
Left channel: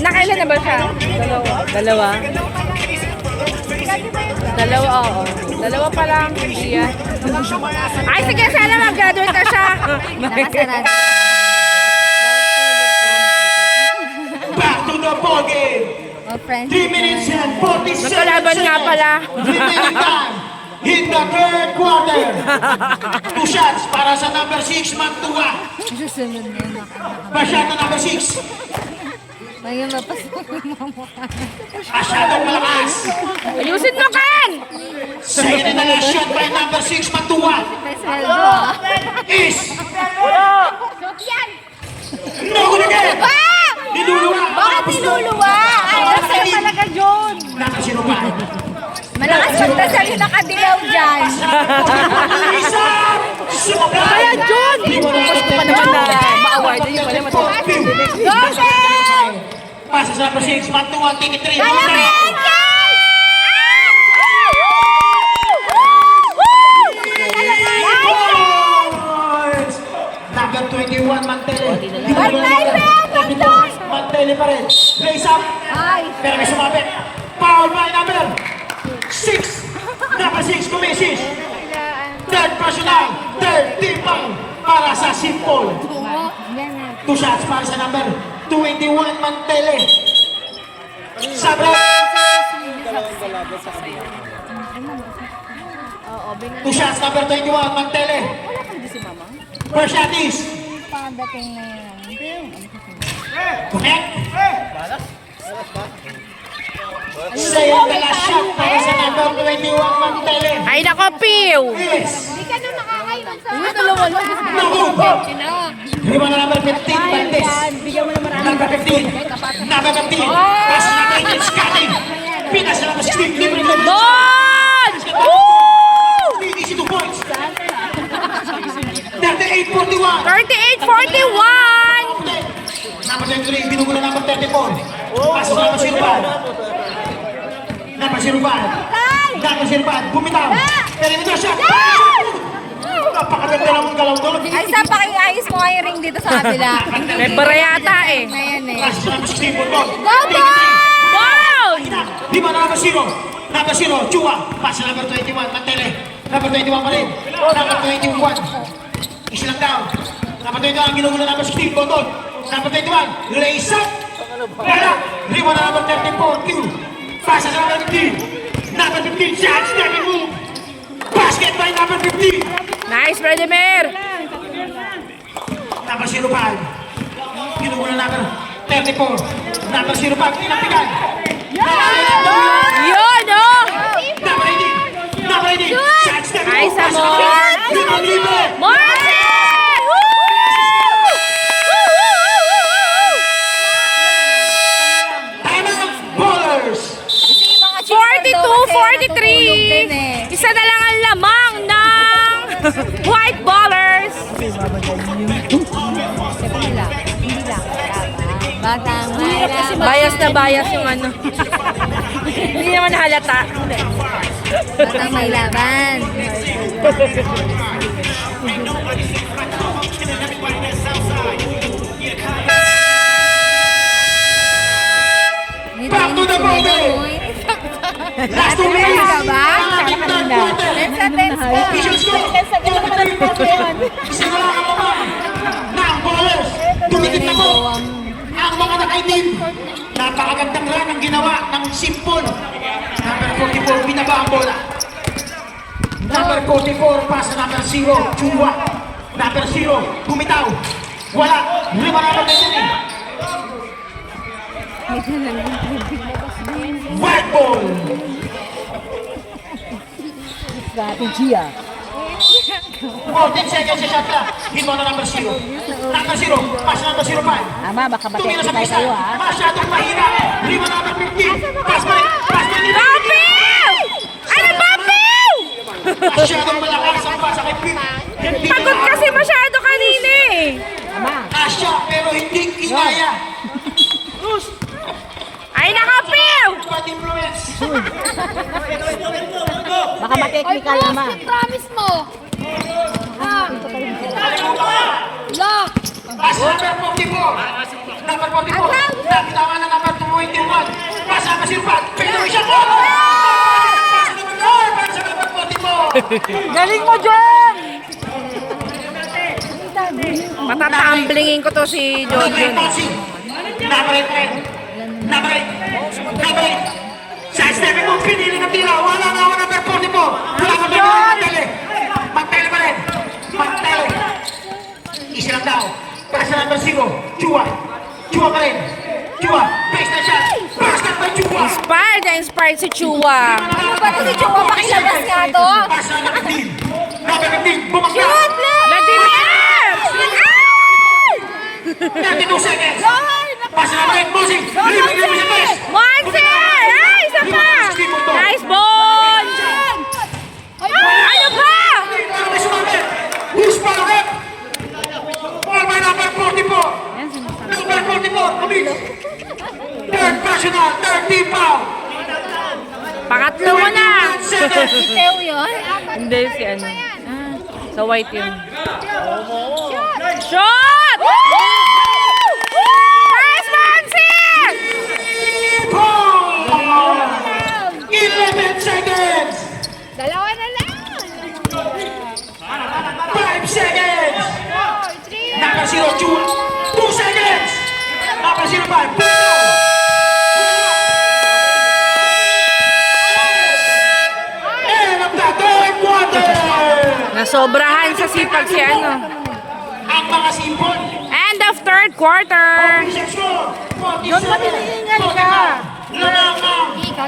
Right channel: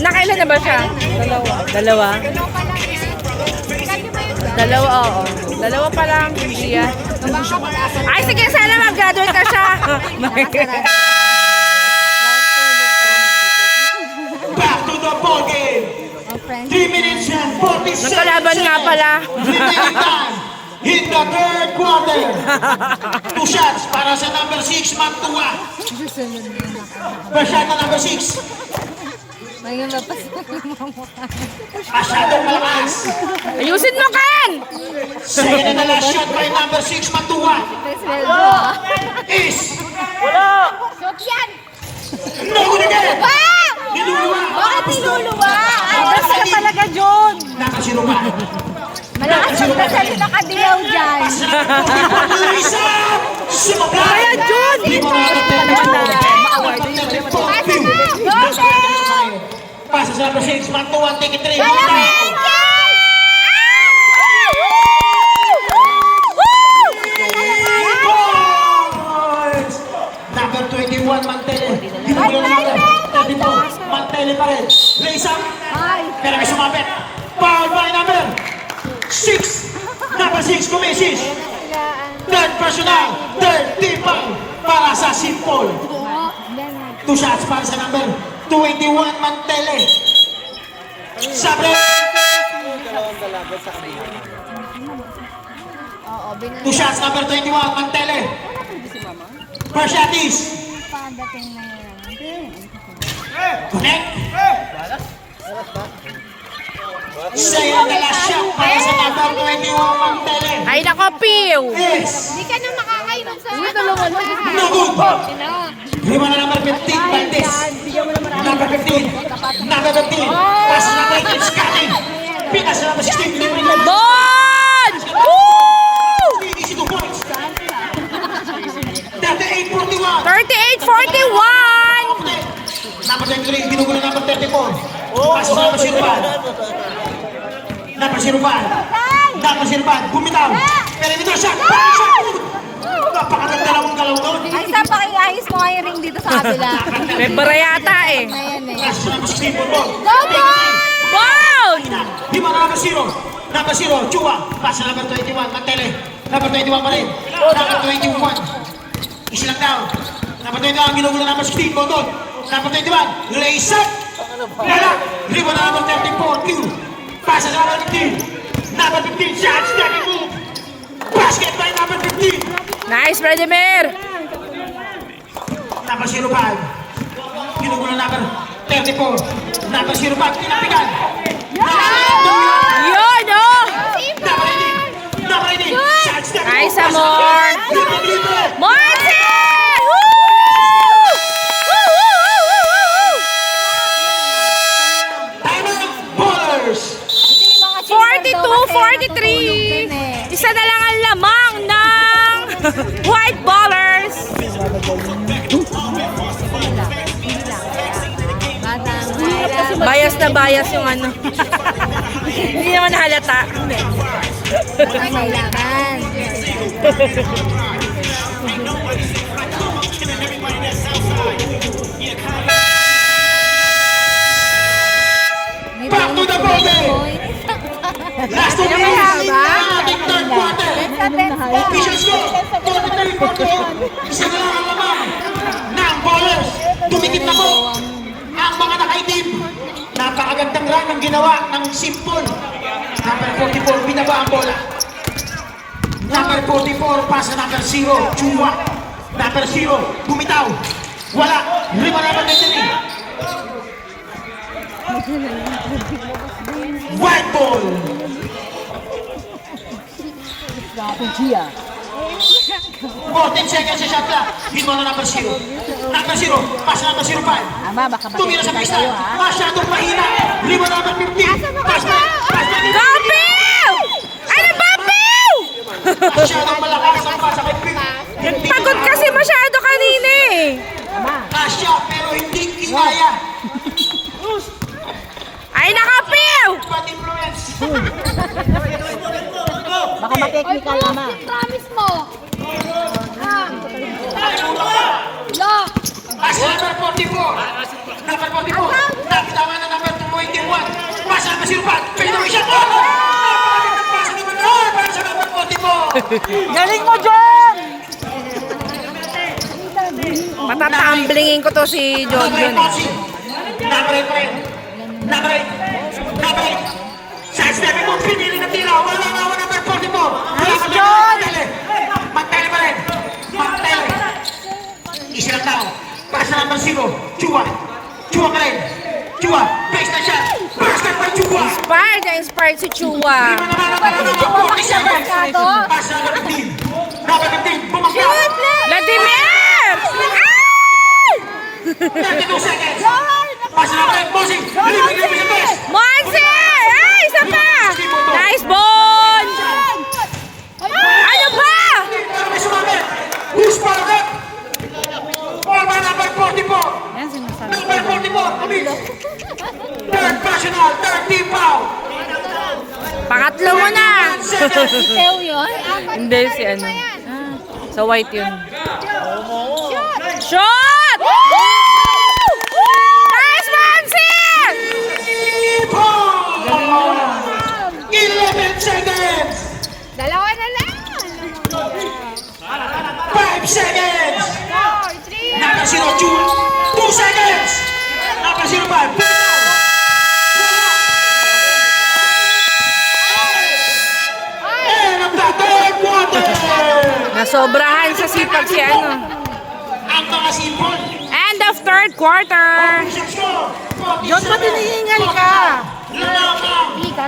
Nakailan na ba siya? Dalawa? Dalawa, oo. Dalawa pa lang, hindi yan. Ay, sige, sana graduate na siya. Back to the ball game. Oh, friends. 3 minutes and 40 seconds. Nagkalaban nga pala. Remaining time in the third quarter. 2 shots para sa number 6, Mantua. Susunod na yun. First shot na number 6. Ngayon, mapasok yung mga mukha. Masyadong malakas. Ayusin mo, Ken! Sa'yo na last shot by number 6, Mantua. Sweldo, ah. Is... No good again. Niluluwa. Bakit niluluwa? Ay, Talaga, John! Nakasirupan. malakas magdasal yung nakadilaw dyan. Kaya, John! Pasa sa number 6, Mantua, take it 3. Number 21, Mantele. Mantele pa rin. Raise up. Pero may sumapit. Foul by number 6. Number 6, Kumisis. Third personal. Third team foul para sa Simple. 2 shots para sa number 21, Mantele. Sabra. 2 shots, number 21, Mantele. First shot is Padating na yan. connect. Sa'yo ang last shot para sa number 21, Mantele. Ay, nako, Piw! Yes. Hindi ka na makakainom sa ano. Dalawa lang. Lima na number 15, Valdes. Number 15. Number 15. Pass na number 8, Scanning. Pinas na number 16. Bon! Woo! 22 points. 38-41. 38-41! Number 23, binugulo number 34. Pass na number 05. Number 05. Number 05. Bumitaw. Pero ito shot. Napakaganda naman galaw doon. Ay, sa pakiayos ko nga yung ring dito sa kabila. Febra yata eh. Na yan eh. Pass na number 16. Go, Bon! Lima na number 0. Number 0, Chua. Pass na number 21, Mantele. Number 21 pa rin. Number 21. Isilang down. Number 21, ginugulo number 16, Bondon. Number 21, lace up. Lala. Lima na number 34, Q. Pass na number 15. Number 15, shot, stepping move. Basket by number 15. Nice, Vladimir! Number 05. Ginugulo number 34. Number 05, pinapigan. Yun, oh! Number 18. Number 18, shot, stepping move. Nice, Amor. Moise! Ballers. 42-43! Isa na lang ang lamang ng White Ballers! Batang mayroon. Bias na bias yung ano. Hindi naman halata. Batang may laban. Back to the ball game. Last 2 minutes. Ating third quarter. Official score. 43-41. Isa na lang ang lamang ng ballers. Tumikit na po ang mga nakaitim. Napakagandang run ang ginawa ng Simple. Number 44, binaba ang bola. Number 44, pasa number 0, Chua. Number 0, bumitaw. Wala. Lima naman na yun. White ball. 14 seconds sa shot clock. Hit mo na number 0. Number 0, pasa number 05. Ama, baka Tumira sa makikita pista. tayo ha. Masyadong mahina. Lima number 15. Pass na. Pass na nila. Babiw! Ano, Babiw? Masyadong malakas ang pasa kay Pim. Pagod kasi masyado kanina eh. Asya, pero hindi kinaya. Ay, nakapiw! Bad influence. Baka makikita ama. Promise mo. Asya, number 44. Number 44. Nakitawa na number 21. Pasa number 05. Pero siya po. Pasa number 4. Pasa number 44. Galing mo, John! Patatamblingin ko to si Jojon. Number 8 pa rin. Number 8. Number 8. Sa second move, pinili na tila. Wala na ako number 44. Wala pa rin ang Magtele. Magtele pa rin. Magtele. Isa lang daw. Para sa number 0. Chua. Chua pa rin. Chua. Base na shot. Basket by Chua. Inspired si Chua. Para sa number 15. Number 15. Bumagsak. Vladimir! 32 seconds. Pass na rin, Mosing. Libre sa base. Monse! Ay, isa pa! Nice ball! Ano ba? Ano ba sumabit? Who's palakit? Ball by number 44. Number 44, Luis. Third personal, 13 foul. Pangatlo mo na! Ikaw yun? Hindi, si ano. Sa white yun. Shot! Nice, Monse! 11 seconds. Dalawa na lang. 5 seconds. Number 0, Chua. 2 seconds. Number 05. And of the third quarter. Nasobrahan sa sipag si ano. Ang mga simbol. End of third quarter. Diyos mo tinihingan ka. Lamang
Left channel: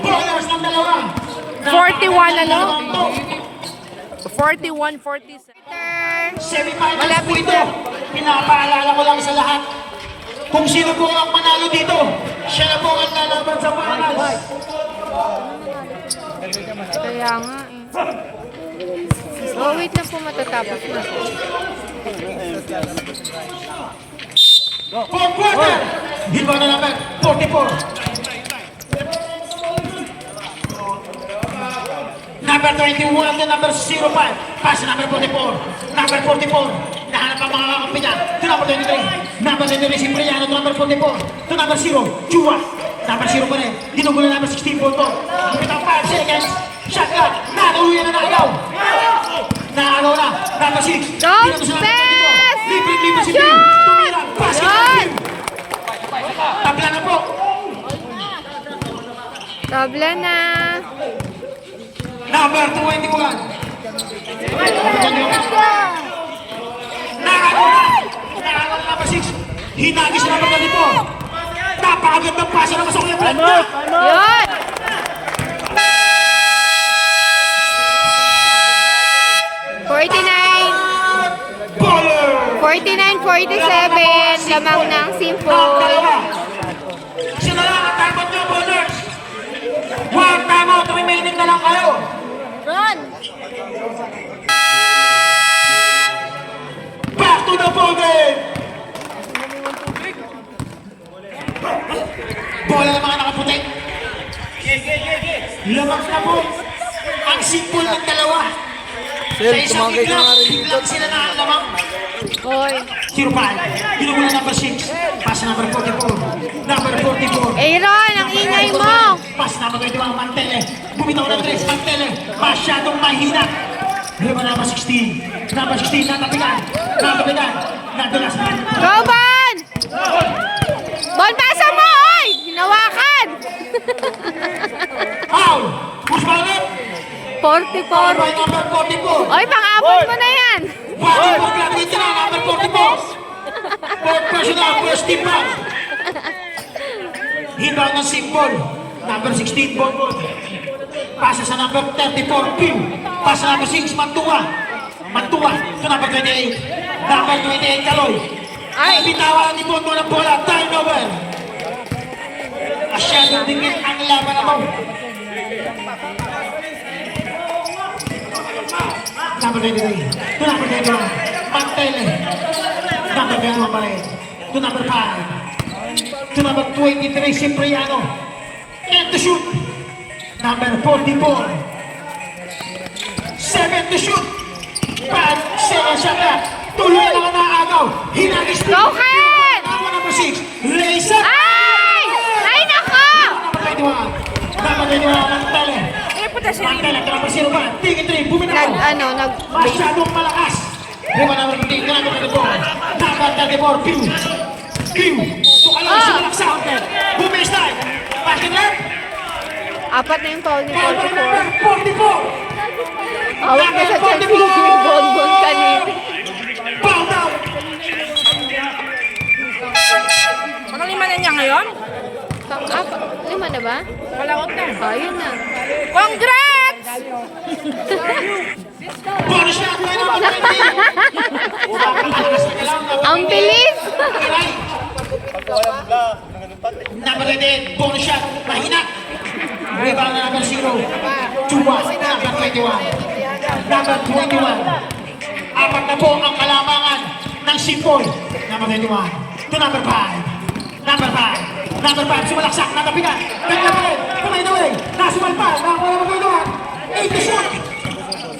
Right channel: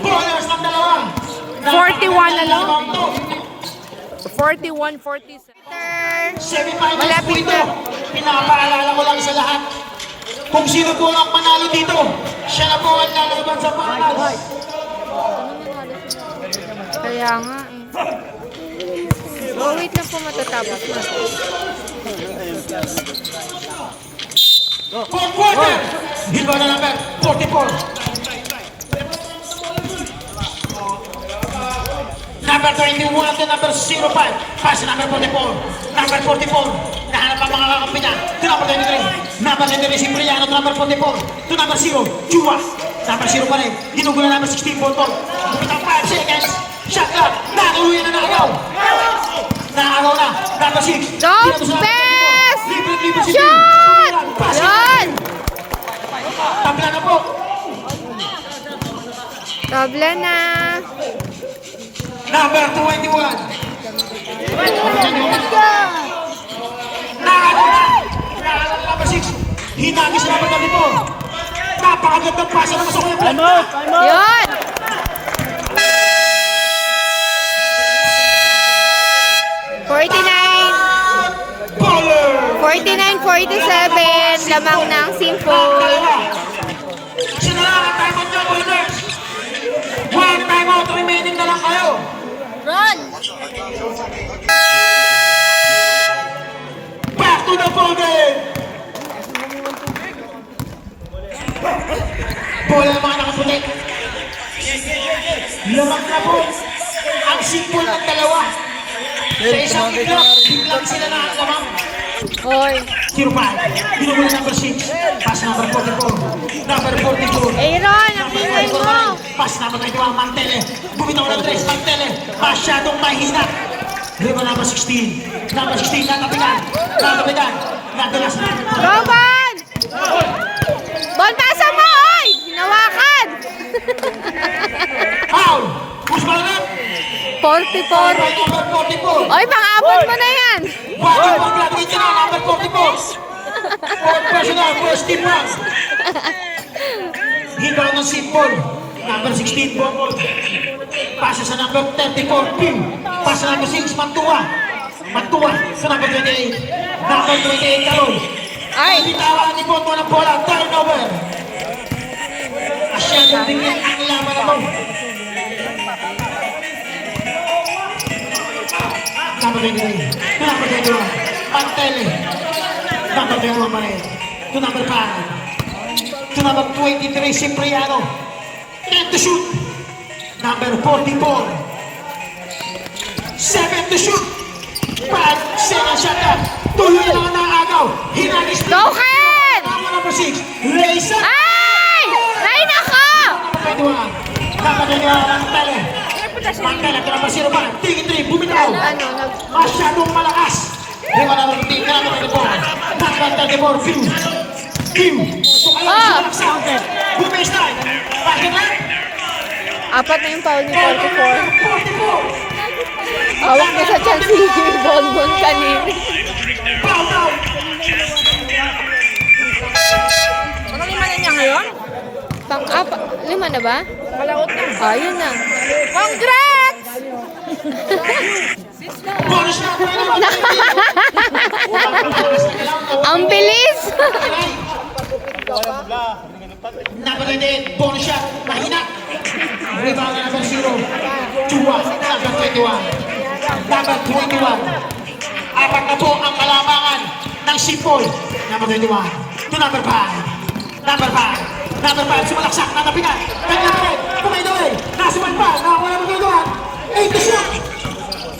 bowlers ng dalawa. 41 ano? 41-47. Semi-finals po ito. Pinapaalala ko lang sa lahat. Kung sino po ang manalo dito, siya na po ang lalaban sa finals. Kaya nga eh. So wait lang po matatapos na. Fourth quarter. Hiba na namin. 44. Number 21 at the number 05. Pass number 44. Number 44. Nahanap ang mga kakampi niya. To number 23. Number 23 si Briano. To number 44. To number 0. Chua. Number 0 pa rin. Ginugulo number 16. Ang pitang 5 seconds. Shot clock. Nakauwi na nagaw. Nakagaw na. Number 6. Go, Bes! Libre si Drew. Tumira. Pass it. Tabla na po. Tabla na. Number 21. Nakagaw na. Nakagaw na number 6. Hinagis number 34. Napakaganda ng pasa na masok yung blood na. Yun! Baller! 49-47, lamang ng Simple. Siya na lang ang timeout nyo, bowlers. One timeout remaining na lang kayo. Run! Back to the ball game. Bola ng mga nakaputi. Lamang na po. Ang Simple ng dalawa. Sa isang biglang sila na ang lamang. Hoy. 05. Binubula number 6. Pass number 44. Number 44. Aaron, ang ingay mo. Pass number 21. Mantele. Bumitaw ng 3. Mantele. Masyadong mahina. Riba number 16. Number 16. Natapigan. Natapigan. Nadulas na. Roman! Bontasan mo, oy! Hinawakan! Foul. Push ball up. 44. Number 44. Oy, pang-abot mo na yan. Wagi po graduate na. Number 44. Fourth personal. First team run. Hibaw ng Simple. Number 16. Bonbon. Pasa sa number 34. Pew. Pasa number 6. Mantua. Mantua. Sa number 28. Number 28. Kaloy. Ay, bitawan ni Bonbon ng bola. Turnover. Masyadong dingin ang laban na to. Number 23. To number 21. Mantele. Number 21 pa rin. To number 5. To number 23. Cipriano. And to shoot. Number 44. 7 to shoot. 5 seconds shot clock. Tuloy naman na agaw. Hinagis. Go ahead! Number 6. Raise up. Ay! Ay, nako! Number 21. Number 21. Mantele. Mantele. To number 0 pa rin. Tingin 3. Bumitaw. Masyadong malakas. Riba naman yung team namin ito po. Number 34, Q. Tukalan sa malaksak. Bumis tayo. Bakit lang? Apat na yung foul ni 44. 44. Awak na sa Chelsea yung bonbon kanina. Foul down. Anong lima na niya ngayon? Lima na ba? Kalaot na. Yun na. Congrats! Bonus shot by number 20. Ang bilis! Number 18, bonus shot, mahina. Rebound na number 0. Chua, number 21. Number 21. Apat na po ang kalamangan ng Sipol. Number 21. To number 5. Number 5. Number 5, sumalaksak, natapinan. Pumay-duwin. Nasumalpal, nakawala mo kayo. 8 shot.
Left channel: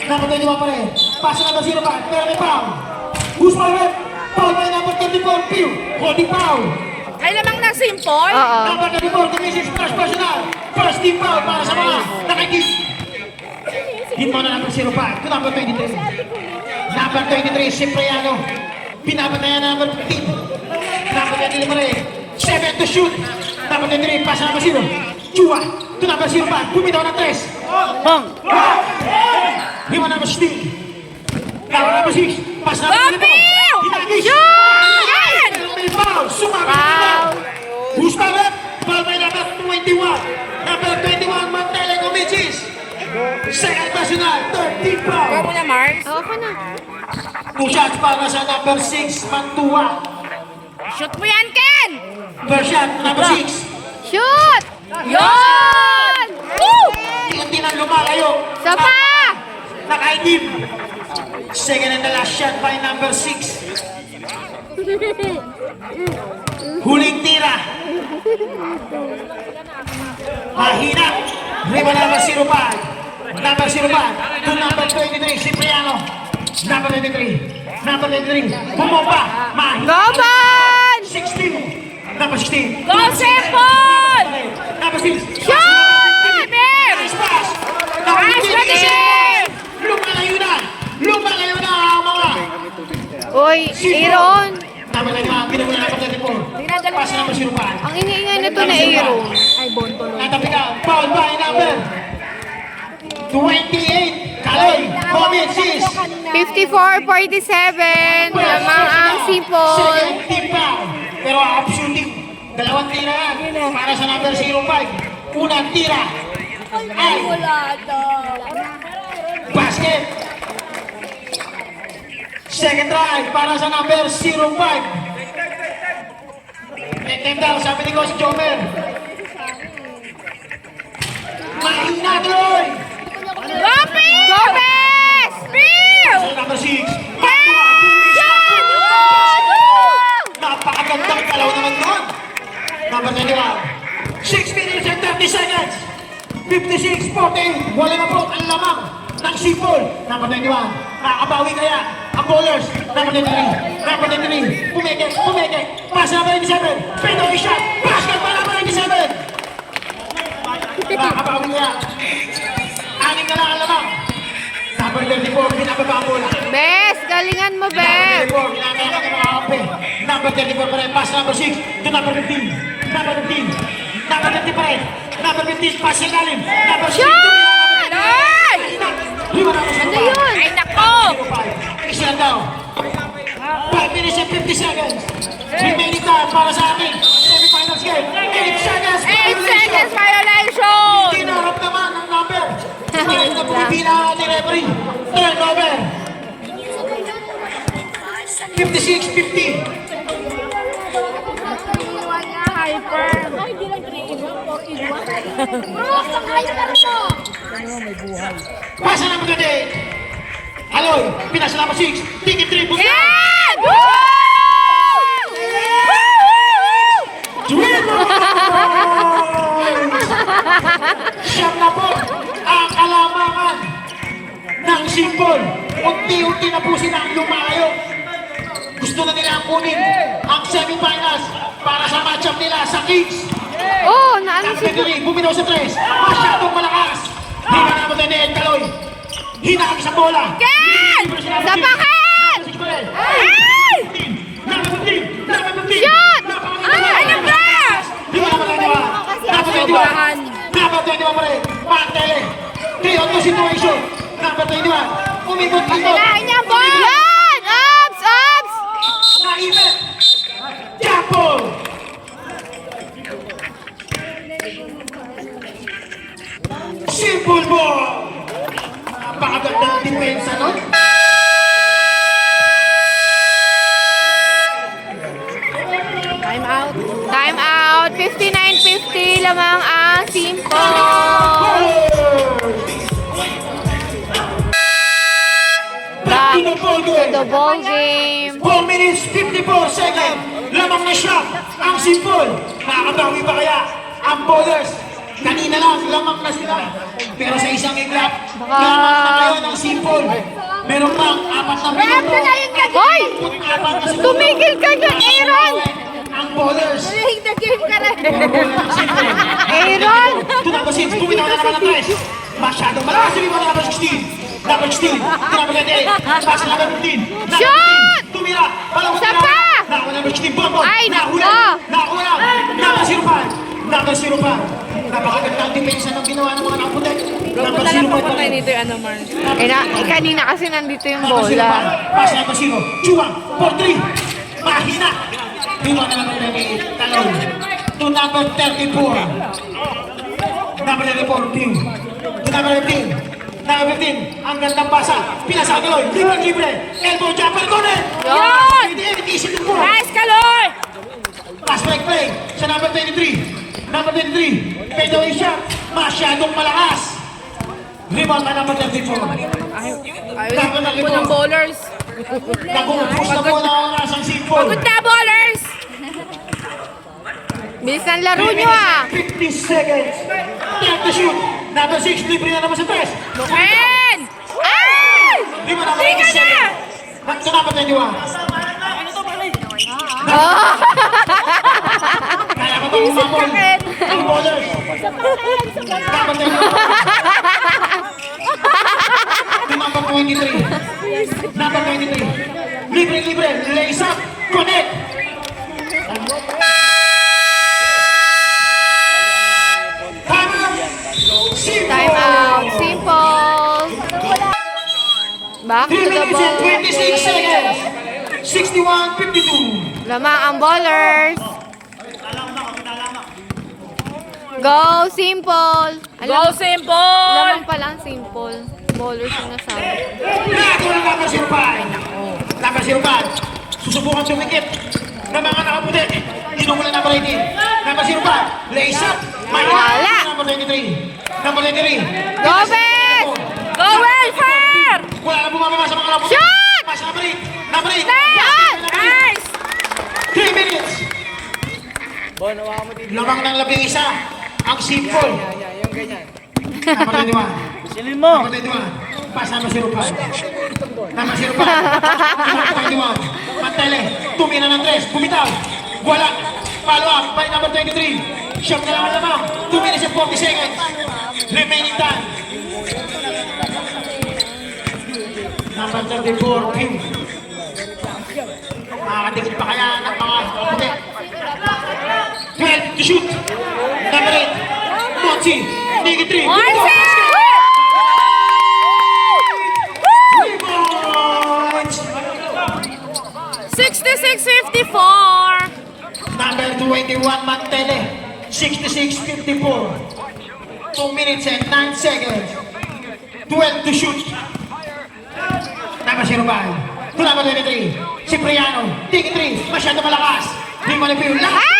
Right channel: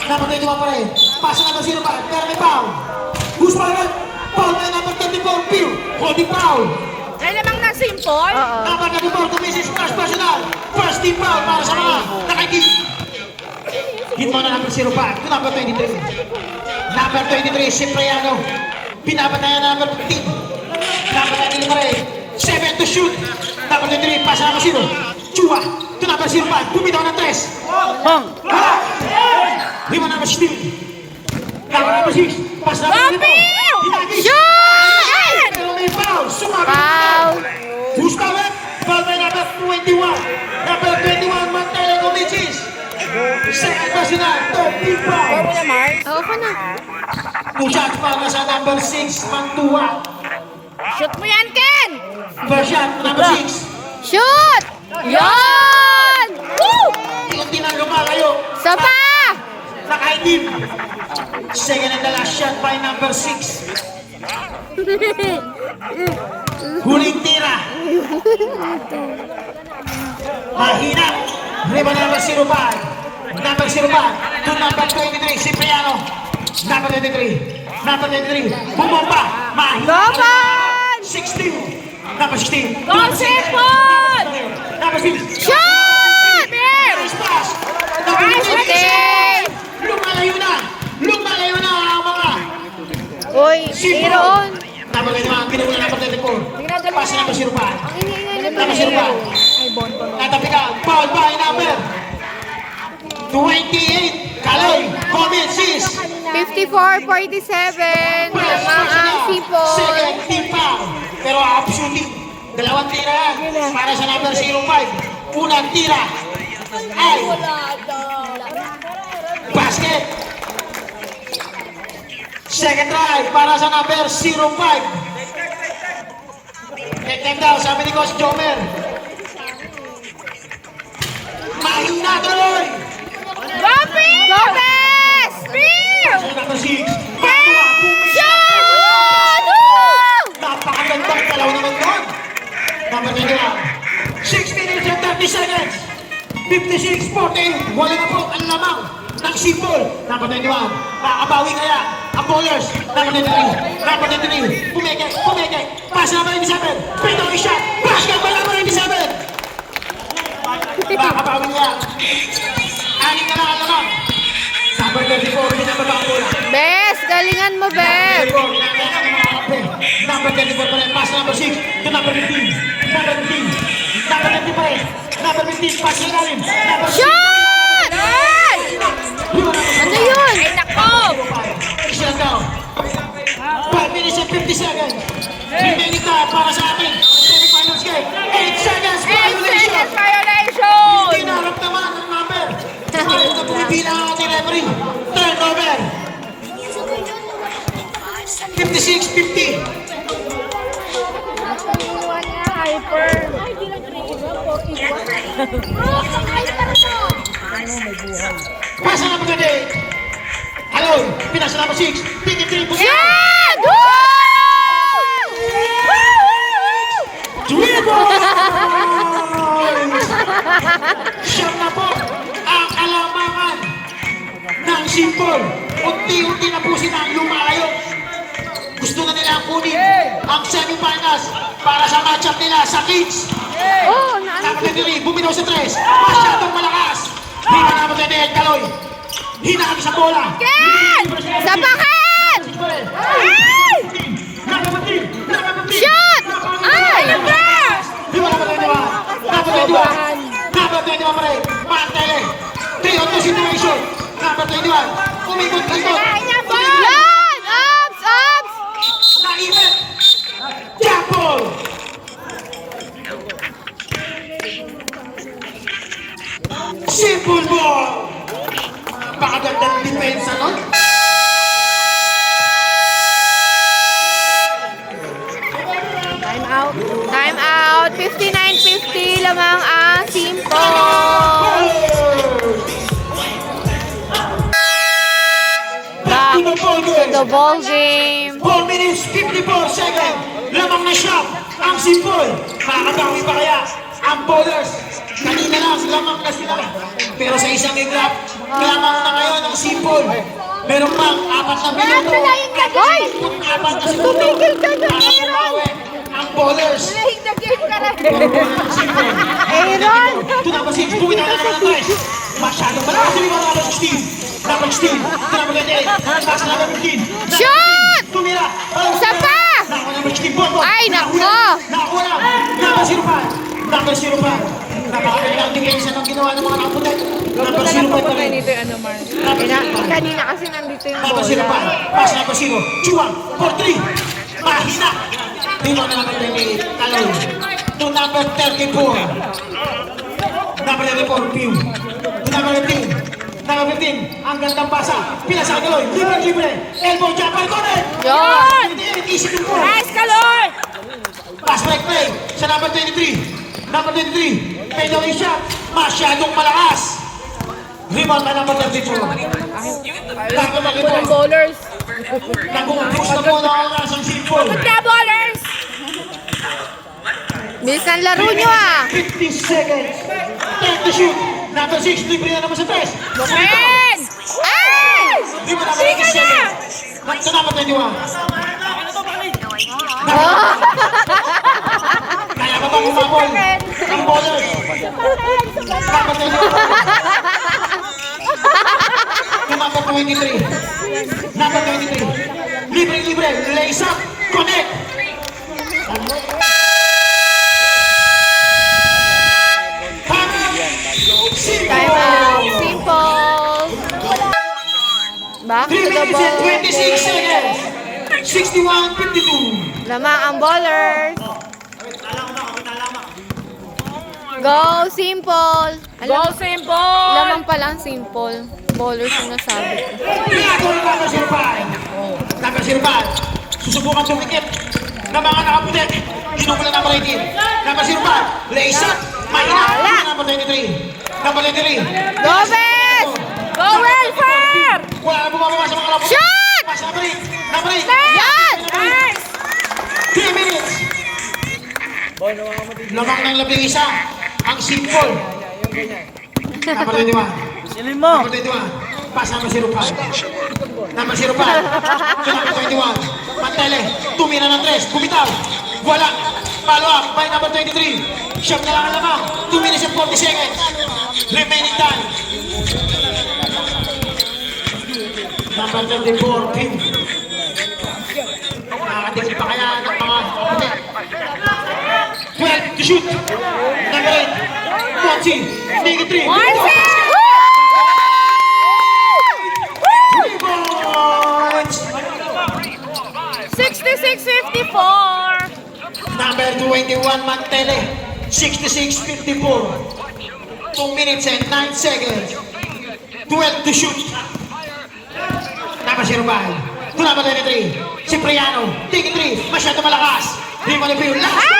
Number 21 pa rin. Pasa number 0 pa, pero may foul. Who's pa rin? Foul by number 24, Pew. Holding foul. Ay namang nag-simple? Number 24, Kumisis, first personal. First team foul para sa mga nakagit. Hit mo na number 0 pa, to number 23. Number 23, Cipriano. Pinapatayan number 15. Number 23 pa rin. 7 to shoot. Number 23, pasa number 0. Chua, to number 0 pa, bumitaw ng 3. Himo number 16. Number 6, pasa number 4. Hinagis. May foul, sumabit. Who's pa left? Foul by number 21. Number 21, Magdalena Comicis. Second personal, third team foul. Ako na. 2 shots para sa number 6, Mantua. Shoot mo yan, Ken! First shot, number 6. Shoot! Yon! Woo! Hindi na lumalayo. Sopa! Nakaitim. Second and the last shot by number 6. Huling tira. Mahina. Riba number 05. Number 05. To number 23, Cipriano. Number 23. Number 23. Bumomba. Mahina. 16. Number 16. Go, Sepol! Number 6. Shoot! Nice pass. Number 26. Lumalayo na. Lumalayo na ang mga Uy, Aaron! number 21. Pinagula number 34. Pass number 05. Ang hinihinga nito na Aaron. Ay, bonto. Natapikan, foul by number 28, Kaloy, Comicis. 54-47. Lamang ang sipol. Second team foul. Pero half shooting. Dalawang tira para sa number 05. Unang tira ay basket. Second try para sa number 05. Netem daw, sabi ni Coach Jomer. Mahina doon! Gomez! Bill! Sa number 6, Mantua, bumisya! Napakagandang palaw naman doon. Number 21, 16 minutes and 30 seconds. 56-14, wala na po ang lamang ng Sipol. Number 21, nakakabawi kaya ang bowlers. Number 23, pumeke. Pasa number 87, Pedro shot, basket pa number 87. Nakakabawi kaya. Aning na ang lamang. Number 34, ginababa ang bola. Bes, galingan mo, Bes. Number 34 pa rin, pass number 6 to number 15. Number 15. Number 15 pa rin. Number 15, pass yung galing. Number 6. Ano yun? Ay, nako! Isiyan daw. 5 minutes and 50 seconds. Remaining time para sa akin. Semifinals game. 8 seconds 8 seconds violation. violation! Tinarap naman ang number. Ayaw na pumipila ang ating referee. Turnover. 56-50. Hyper! Pasa number 28. Hello, pinasa number 6. Ticket 3. Yeah! Siyam na po ang kalamangan ng Sipol. Unti-unti na po silang lumalayo. Gusto na nila kunin ang semifinals para sa matchup nila sa Kids. Oh, naalis Nakapagdali, bumitaw sa 3. Masyadong malakas. Hindi na naman ganyan, Kaloy. Hinaan sa bola. Ken! Sapakan! Number 15. 21 pa rin. Mantele. 3-on-2 situation. Number 21. Umikot-ikot. Yan! Abs! Abs! Naipit. Jump ball. Simple ball. Napakaganda ng depensa nun. Time out. 59-50 lamang ang Simple. Back to the ball game. The ball game. 4 minutes 54 seconds. Lamang na shot ang Simple. Makakabawi pa kaya ang bowlers? Kanina lang, lamang na sila. Pero sa isang iglap, lamang na ngayon ang Simple. Meron pang 4 na minuto. Tumigil ka na, Aaron! Ang bowlers. Simple. Aaron! Tunapasin, kumita na naman ang tres. Masyadong malakas yung mga number 16. Number 16, number 28. Pass number 15. Shoot! Tumira. Isa pa! Number 16, Bonbon. Ay, nako! Nakuha. Number 0 pa. Number 0 pa. Napakaganda ang depensa ng ginawa ng mga nakapulit. Number 0 pa ito. Kanina kasi nandito yung Number 0 pa. Pass number 0. Chuan, 4-3. Mahina. Tumira na number 38. Talon. To number 34. Number 34, Pew. To number 15. Number 15, ang gandang pasa. Pinasa ka Loy. Libre. Elbow jumper, corner. Yun! Hindi, isip yung po. Nice color! Pass break play sa number 23. Number 23, fadeaway shot. Masyadong malakas. Rebound na number 24. Bago na rebound. Bowlers. Nag-uupos na po na ako nasang Simple. Punta, ballers! Bisan laro nyo ah! 50 seconds. Time to shoot. Number 6, libre na naman sa tres. Ayan! Ay! Di mo naman 50 seconds. Sa number 21. Kaya mo bang umabol? Ang bowlers. Number 21. To number 23. Number 23. Libre. Lace up. Connect. Time out. Simple. Back to 3 the minutes ball. and 26 seconds. 61-52. Lamang ang ballers. Go, Simple. Go Simple! Lamang palang Simple. Ballers yung nasabi. Number 05. Number 05. Susubukan tumikip ng mga nakaputi. Inumula number 18. Number 05. Lace up. Number 23. Number 23. Go, Bes! Go Welfare! Wala na bumababa sa mga nakaputi. Shoot! Pass number 8. Number 8. Yan! Nice! 3 minutes. Lamang ng 11 ang Simple. Number 21. Number 21. Pass number 05. Number 05. Number 21. Pantele. Tumira ng 3. Bumitaw. Wala. Follow up by number 23. Shot na lang ang lamang. 2 minutes and 40 seconds. Remaining time. Number 34. Pew. Nakakatigil pa kaya ng mga kaputi. 12 to shoot. Number 8. Monchi. Niggy 3. Rebounds. 66-54. Number 21, Mantele. 66-54. 2 minutes and 9 seconds. 12 to shoot. Number 05. To number 23. Cipriano. Niggy 3. Masyado malakas. Rebound na last.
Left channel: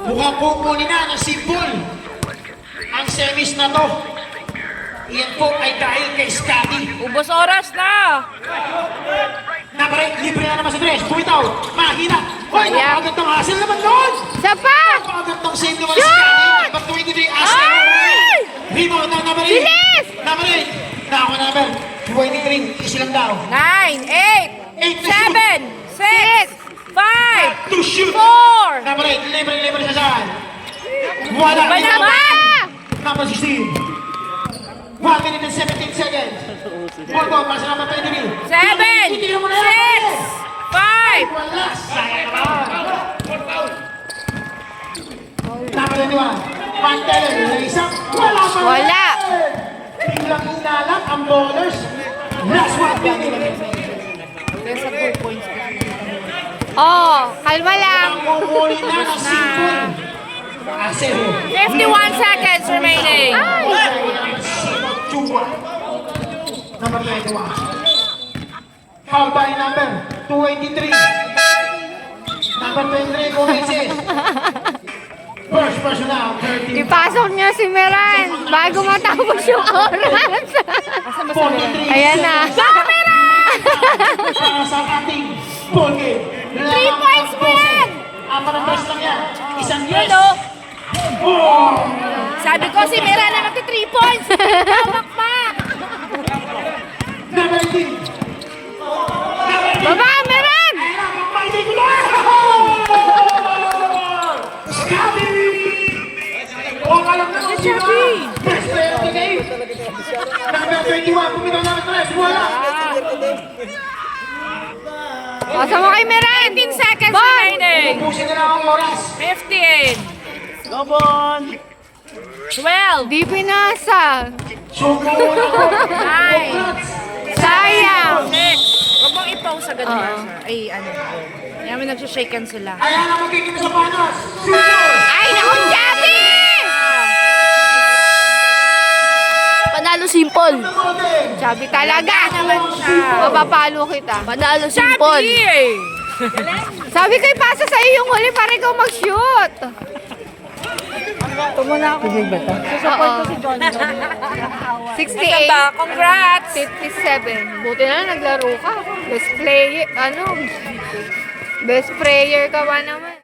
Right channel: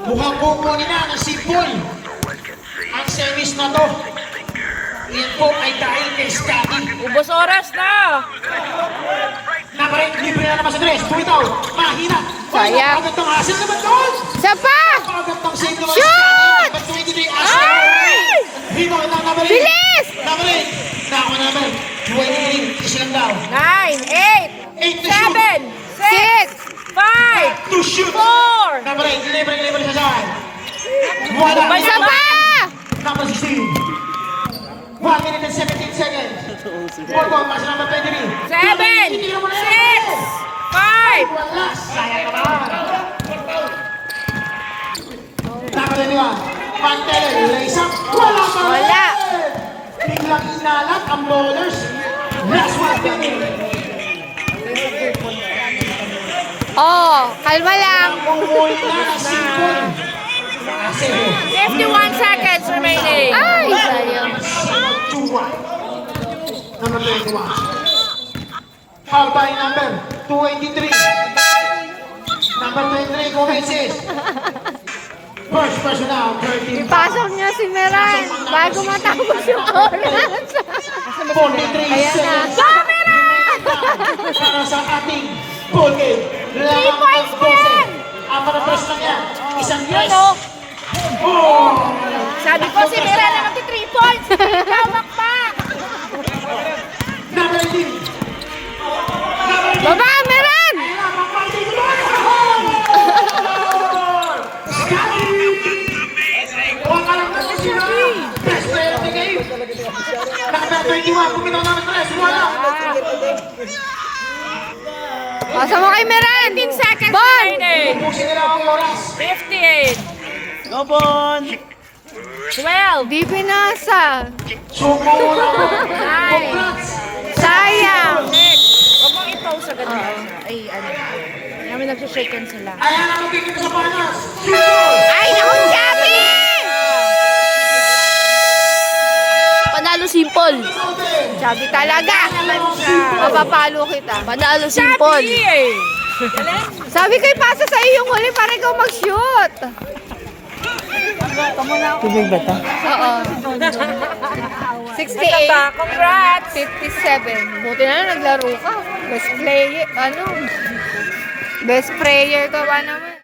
Mukhang kukunin na ng Simple. Ang semis na to. Iyan po ay dahil kay Scotty. Ubos oras na! Naparin, libre na naman sa tres. Bumitaw. Mahina. Wala napagod ng hasil naman doon. Isa pa! Napagod ng save naman si Scotty. Number 23, Ashley. Rebound ng number 8. Bilis! Number 8. Nakawa number 23. Isa lang daw. 9, 8, 8 to shoot. 6! 5, To shoot. 4, Number 8, libre sa saan. Wala. Isa pa! Number 16. 1 minute and 17 seconds. Hold on, pass number 23. 7, 6, 5, Wala. Sayang naman. 21. Mantel, raise up. Wala pa rin. Wala. Biglang inalat ang bowlers. Last one minute. Oh, kalma lang. Umuwi na na sipon. Asero. 51 seconds remaining. Chua. Number 21. How by number 283? Number 23, Gomezes. First personal, 13. Ipasok niya si Meran bago matapos yung oras. 43 Ayan na. Para sa ating ball game. 3 points po yan! Ang mga press lang yan. Isang press. Yun, oh. Oh! Sabi ko si Meran na nagti 3 points. Tawag pa. Number 18. Baba, Meran! Huwag ka lang natin sila. Best player of the game. Number 21, kumitaw ng tres. Wala. Pasa mo kay Meran. 15 seconds remaining. Ubusin nila ang oras. 15. Lobon. 12. Di pinasa. Sumo muna po. Ay. Congrats. Sayang. Huwag mong i-pause agad na siya. Ay, ano. Kaya may nagsashaken sila. Ayan ang magkikita sa finals. Super. Ay, naku, Gabi! Panalo simple. Sabi talaga. Mapapalo kita. Panalo simple. Sabi ko ipasa sa iyo yung huli para ikaw mag-shoot. Tubig ba ito? Oo. 68. Congrats! 57. Buti na lang naglaro ka. Best player, best prayer ka ba naman?